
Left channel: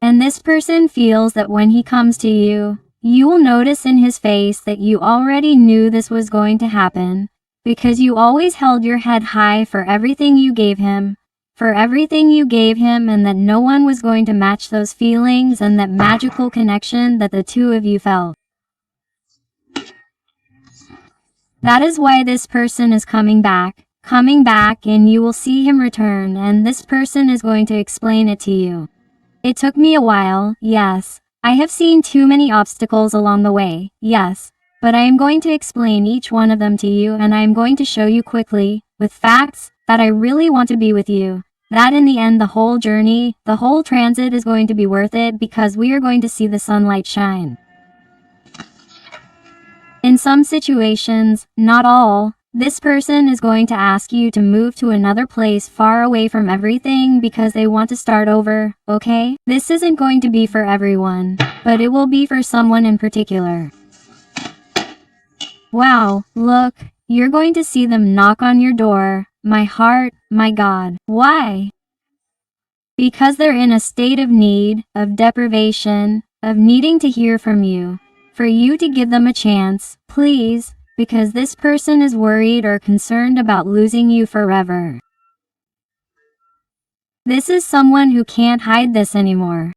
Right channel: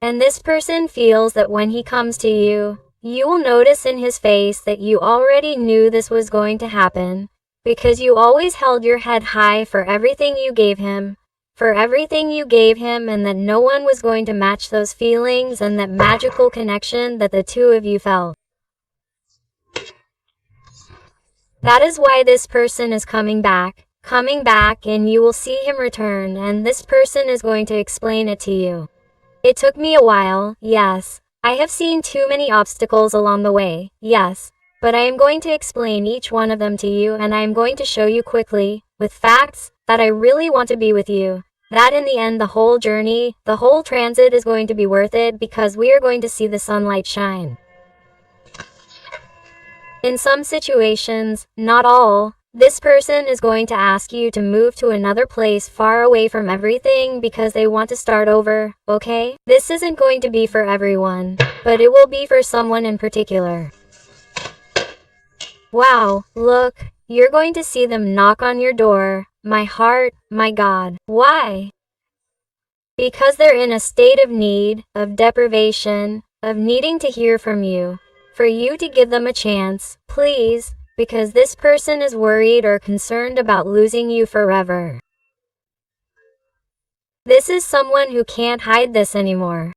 And this person feels that when he comes to you, you will notice in his face that you already knew this was going to happen, because you always held your head high for everything you gave him, and that no one was going to match those feelings and that magical connection that the two of you felt. That is why this person is coming back, and you will see him return, and this person is going to explain it to you. It took me a while, yes. I have seen too many obstacles along the way, yes. But I am going to explain each one of them to you, and I am going to show you quickly, with facts, that I really want to be with you. That in the end the whole journey, the whole transit is going to be worth it because we are going to see the sunlight shine. In some situations, not all, this person is going to ask you to move to another place far away from everything because they want to start over, okay? This isn't going to be for everyone, but it will be for someone in particular. Wow, look, you're going to see them knock on your door. My heart, my God. Why? Because they're in a state of need, of deprivation, of needing to hear from you. For you to give them a chance, please, because this person is worried or concerned about losing you forever. This is someone who can't hide this anymore.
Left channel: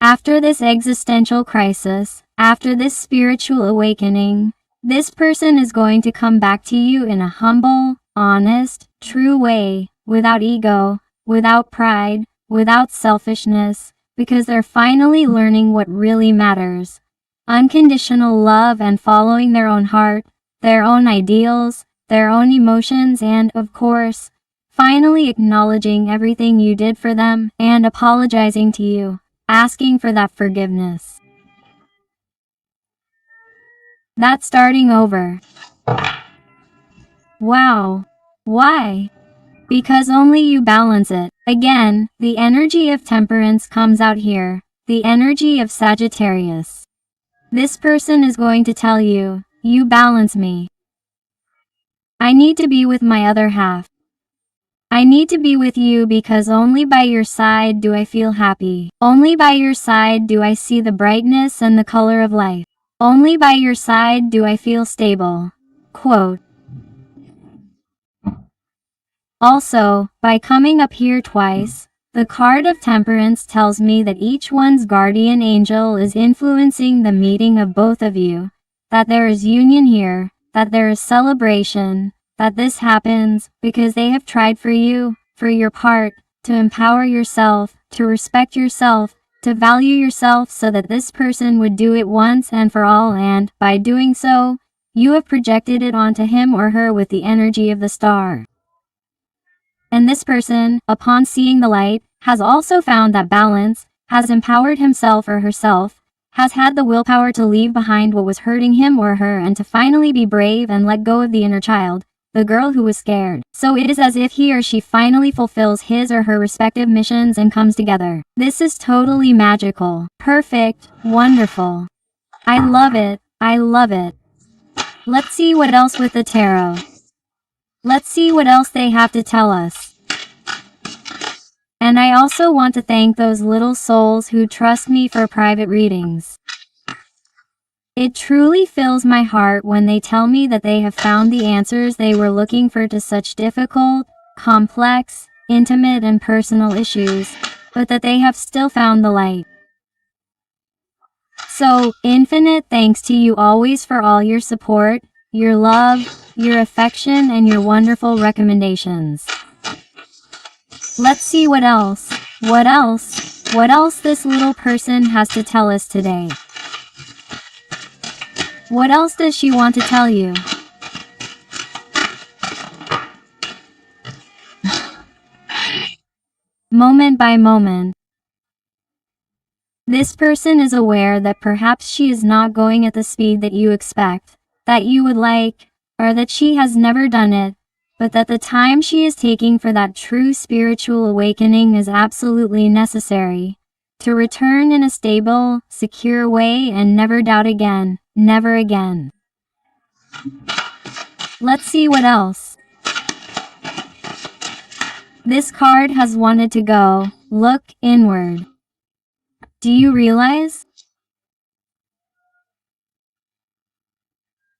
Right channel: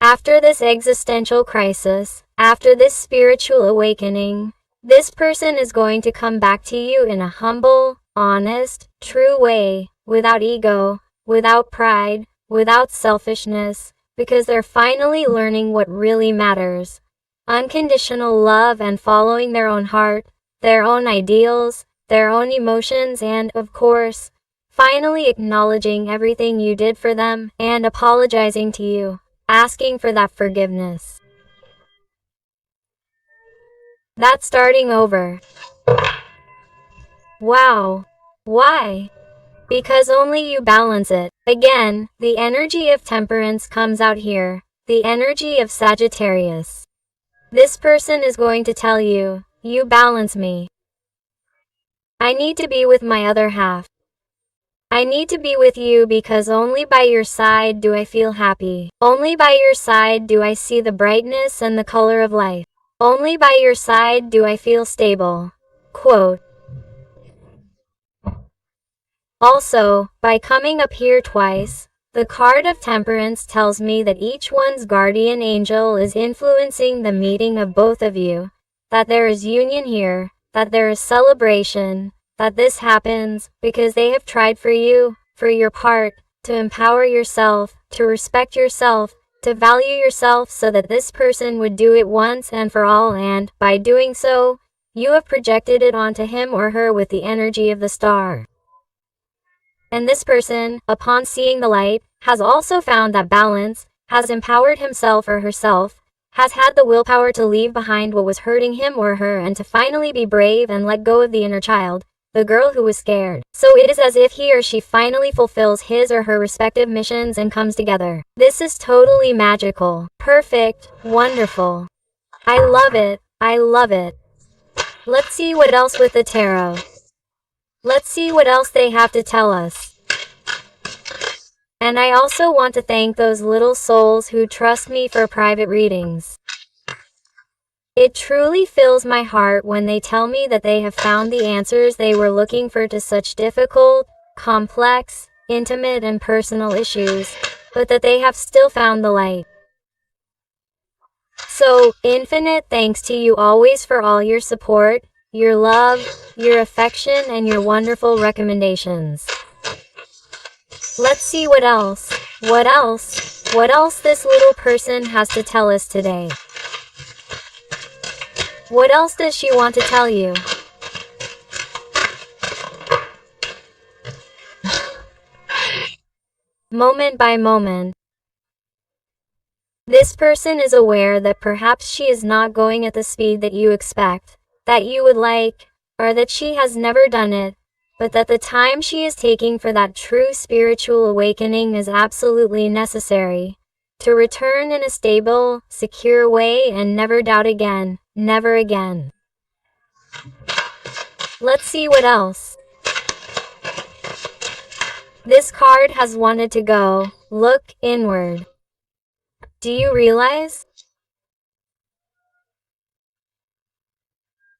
After this existential crisis, after this spiritual awakening, this person is going to come back to you in a humble, honest, true way, without ego, without pride, without selfishness, because they're finally learning what really matters. Unconditional love and following their own heart, their own ideals, their own emotions, and, of course, finally acknowledging everything you did for them and apologizing to you, asking for that forgiveness. That's starting over. Wow. Why? Because only you balance it. Again, the energy of temperance comes out here, the energy of Sagittarius. This person is going to tell you, you balance me. I need to be with my other half. I need to be with you because only by your side do I feel happy. Only by your side do I see the brightness and the color of life. Only by your side do I feel stable. Quote. Also, by coming up here twice, the card of Temperance tells me that each one's guardian angel is influencing the meeting of both of you, that there is union here, that there is celebration, that this happens because they have tried for you, for your part, to empower yourself, to respect yourself, to value yourself so that this person would do it once and for all, and, by doing so, you have projected it onto him or her with the energy of the star. And this person, upon seeing the light, has also found that balance, has empowered himself or herself, has had the willpower to leave behind what was hurting him or her and to finally be brave and let go of the inner child, the girl who was scared. So it is as if he or she finally fulfills his or her respective missions and comes together. This is totally magical, perfect, wonderful. I love it, I love it. Let's see what else with the tarot. Let's see what else they have to tell us. And I also want to thank those little souls who trust me for private readings. It truly fills my heart when they tell me that they have found the answers they were looking for to such difficult, complex, intimate and personal issues, but that they have still found the light. So, infinite thanks to you always for all your support, your love, your affection and your wonderful recommendations. Let's see what else this little person has to tell us today. What else does she want to tell you? Moment by moment. This person is aware that perhaps she is not going at the speed that you expect, that you would like, or that she has never done it, but that the time she is taking for that true spiritual awakening is absolutely necessary, to return in a stable, secure way and never doubt again, never again. Let's see what else. This card has wanted to go, look inward. Do you realize?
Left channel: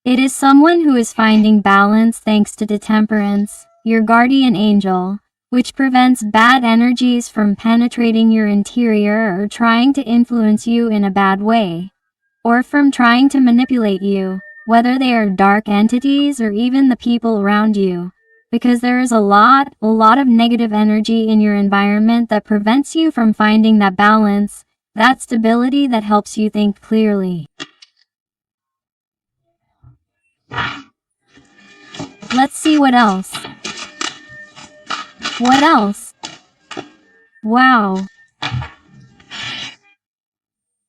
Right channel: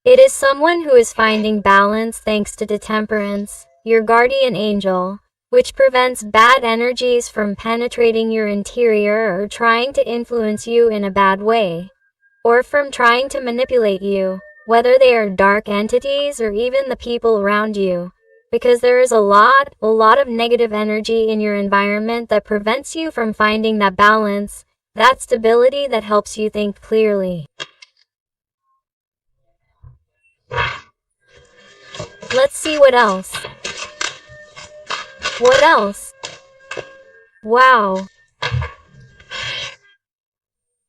It is someone who is finding balance thanks to temperance, your guardian angel, which prevents bad energies from penetrating your interior or trying to influence you in a bad way, or from trying to manipulate you, whether they are dark entities or even the people around you, because there is a lot of negative energy in your environment that prevents you from finding that balance, that stability that helps you think clearly. Let's see what else. What else? Wow.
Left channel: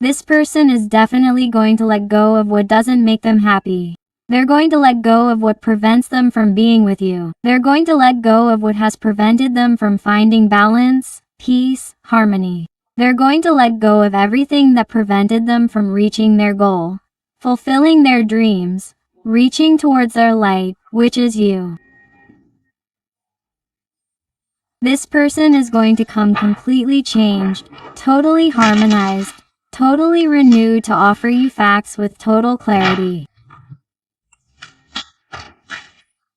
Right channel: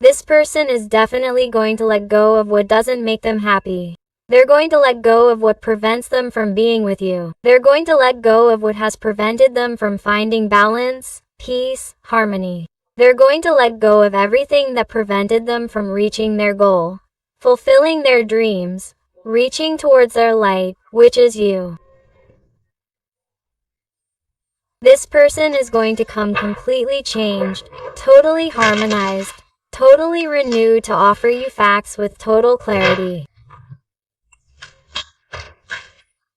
This person is definitely going to let go of what doesn't make them happy. They're going to let go of what prevents them from being with you. They're going to let go of what has prevented them from finding balance, peace, harmony. They're going to let go of everything that prevented them from reaching their goal, fulfilling their dreams, reaching towards their light, which is you. This person is going to come completely changed, totally harmonized, totally renewed to offer you facts with total clarity.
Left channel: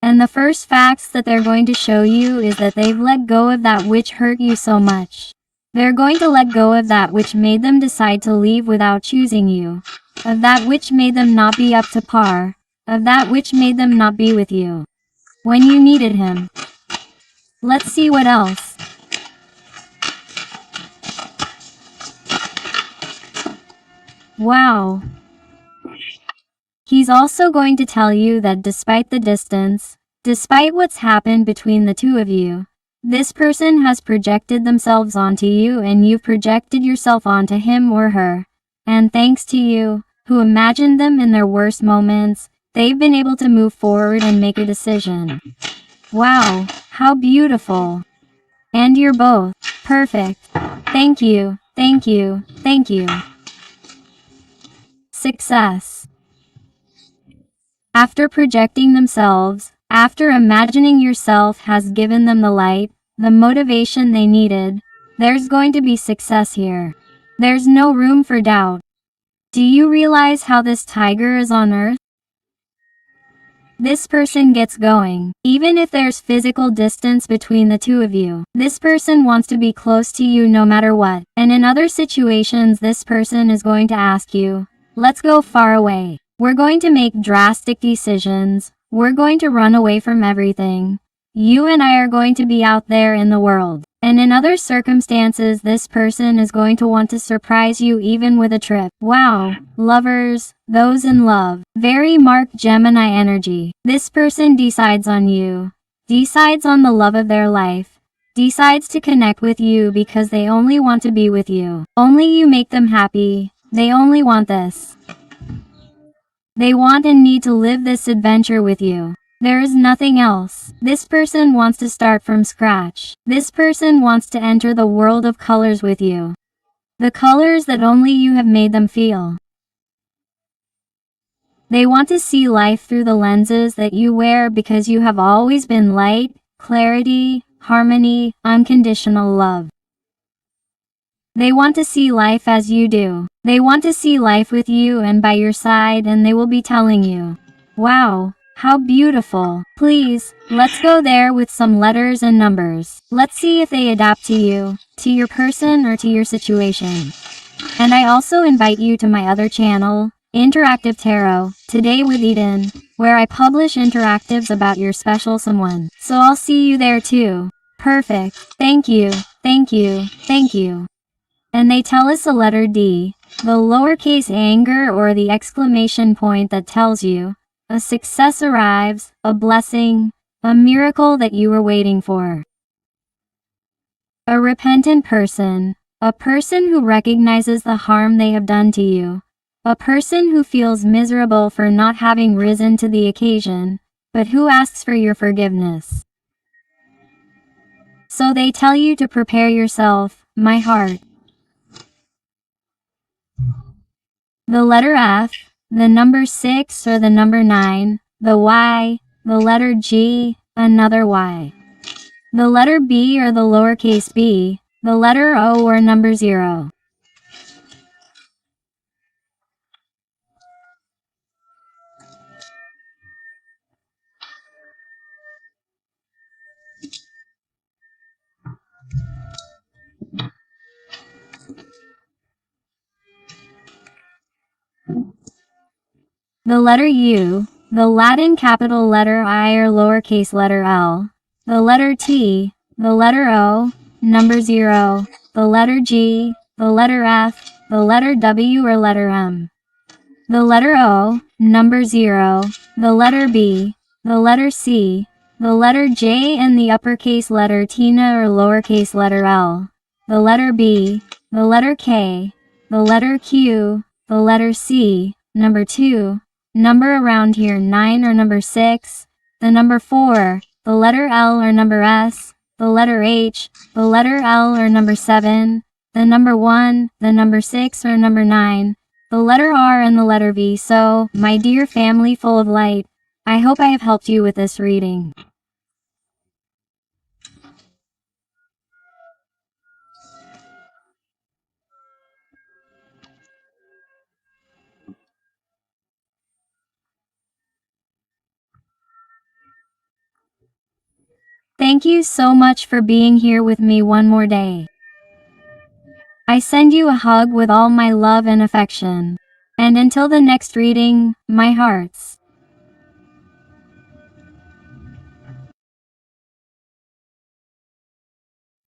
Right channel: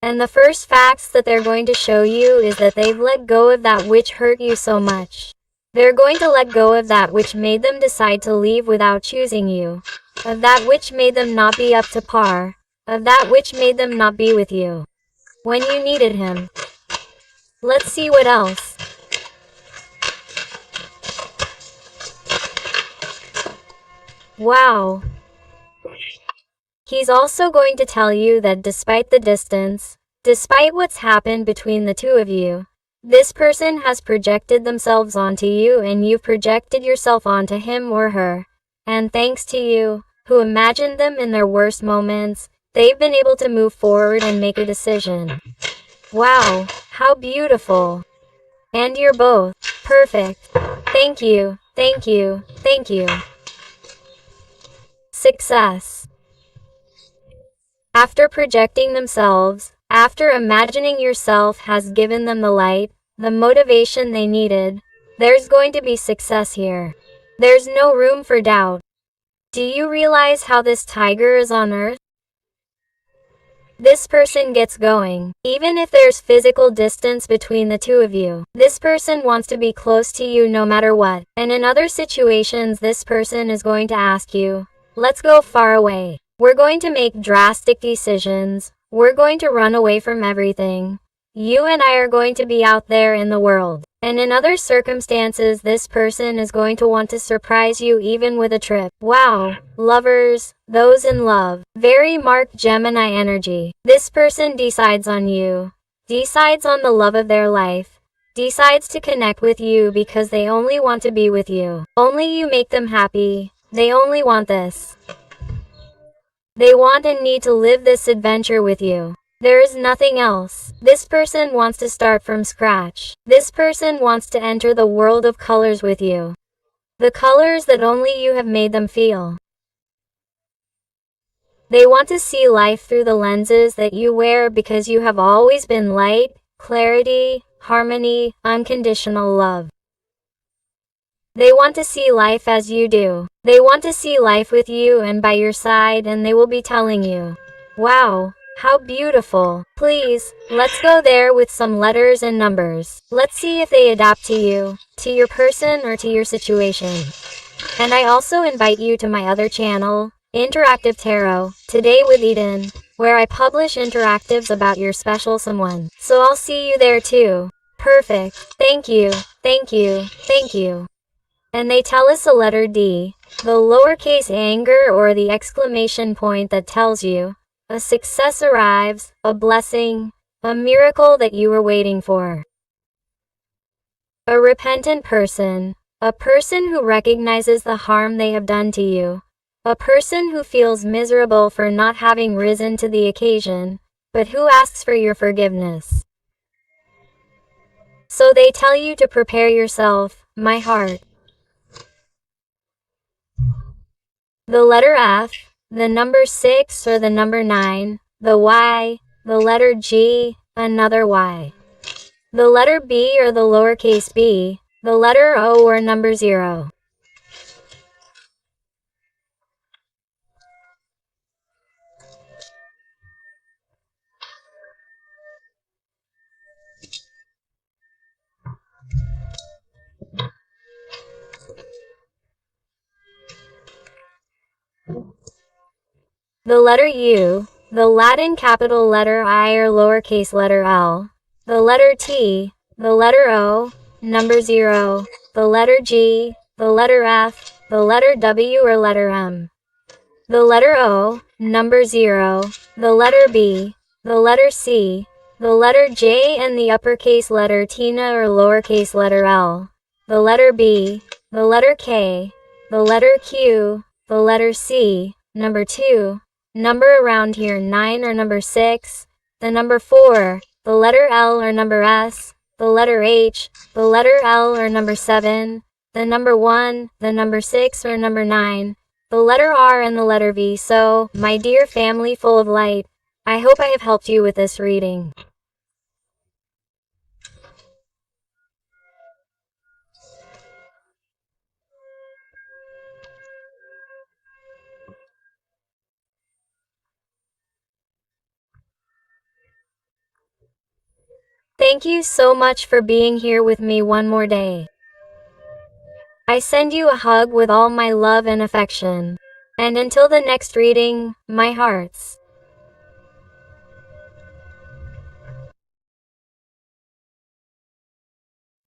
And the first facts that they're going to show you is that they've let go of that which hurt you so much. They're going to let go of that which made them decide to leave without choosing you, of that which made them not be up to par, of that which made them not be with you when you needed him. Let's see what else. Wow. He's also going to tell you that despite the distance, despite what's happened between the two of you, this person has projected themselves onto you and you've projected yourself onto him or her. And thanks to you, who imagined them in their worst moments, they've been able to move forward and make a decision. Wow, how beautiful. And you're both perfect. Thank you, thank you, thank you. Success. After projecting themselves, after imagining yourself has given them the light, the motivation they needed, there's going to be success here. There's no room for doubt. Do you realize how this tiger is on Earth? This person gets going, even if there's physical distance between the two of you. This person wants to be close to you no matter what. And in other situations, this person is going to ask you, let's go far away. We're going to make drastic decisions. We're going to run away from everything. You and I are going to be out there in the world. And in other circumstances, this person is going to want to surprise you even with a trip. Wow. Lovers, those in love. Very marked Gemini energy. This person decides on you. Decides on the love of their life. Decides to connect with you because they only want to be with you. Only you make them happy. They only want this. They want and need to live this adventure with you. There is nothing else. This person wants to start from scratch. This person wants to enter the world of colors with you. The colors that only you have made them feel. They want to see life through the lenses that you wear because you have always been light, clarity, harmony, unconditional love. They want to see life as you do. They want to see life with you and by your side, and they will be telling you, wow, how beautiful. Please, let's go there with some letters and numbers. Let's see if they adapt to you, to your person, or to your situation. And I also invite you to my other channel, Interactive Tarot, Today with Eden, where I publish interactives about your special someone. So I'll see you there too. Perfect. Thank you. Thank you. Thank you. And they tell us a letter D, the lowercase anger or the exclamation point that tells you, a success arrives, a blessing, a miracle that you were waiting for. A repentant person, a person who recognizes the harm they have done to you, a person who feels miserable for not having risen to the occasion, but who asks for your forgiveness. So they tell you to prepare yourself, my heart. The letter F, the number 6 or the number 9, the Y, the letter G, another Y. The letter B or the lowercase b, the letter O or number 0. The letter U, the Latin capital letter I or lowercase letter L, the letter T, the letter O, number 0, the letter G, the letter F, the letter W or letter M, the letter O, number 0, the letter B, the letter C, the letter J and the uppercase letter Tina or lowercase letter L, the letter B, the letter K, the letter Q, the letter C, number 2, number around here 9 or number 6, the number 4, the letter L or number S, the letter H, the letter L or number 7, the number 1, the number 6 or number 9, the letter R and the letter V. So, my dear family full of light, I hope I have helped you with this reading. Thank you so much for being here with me one more day. I send you a hug with all my love and affection. And until the next reading, my hearts.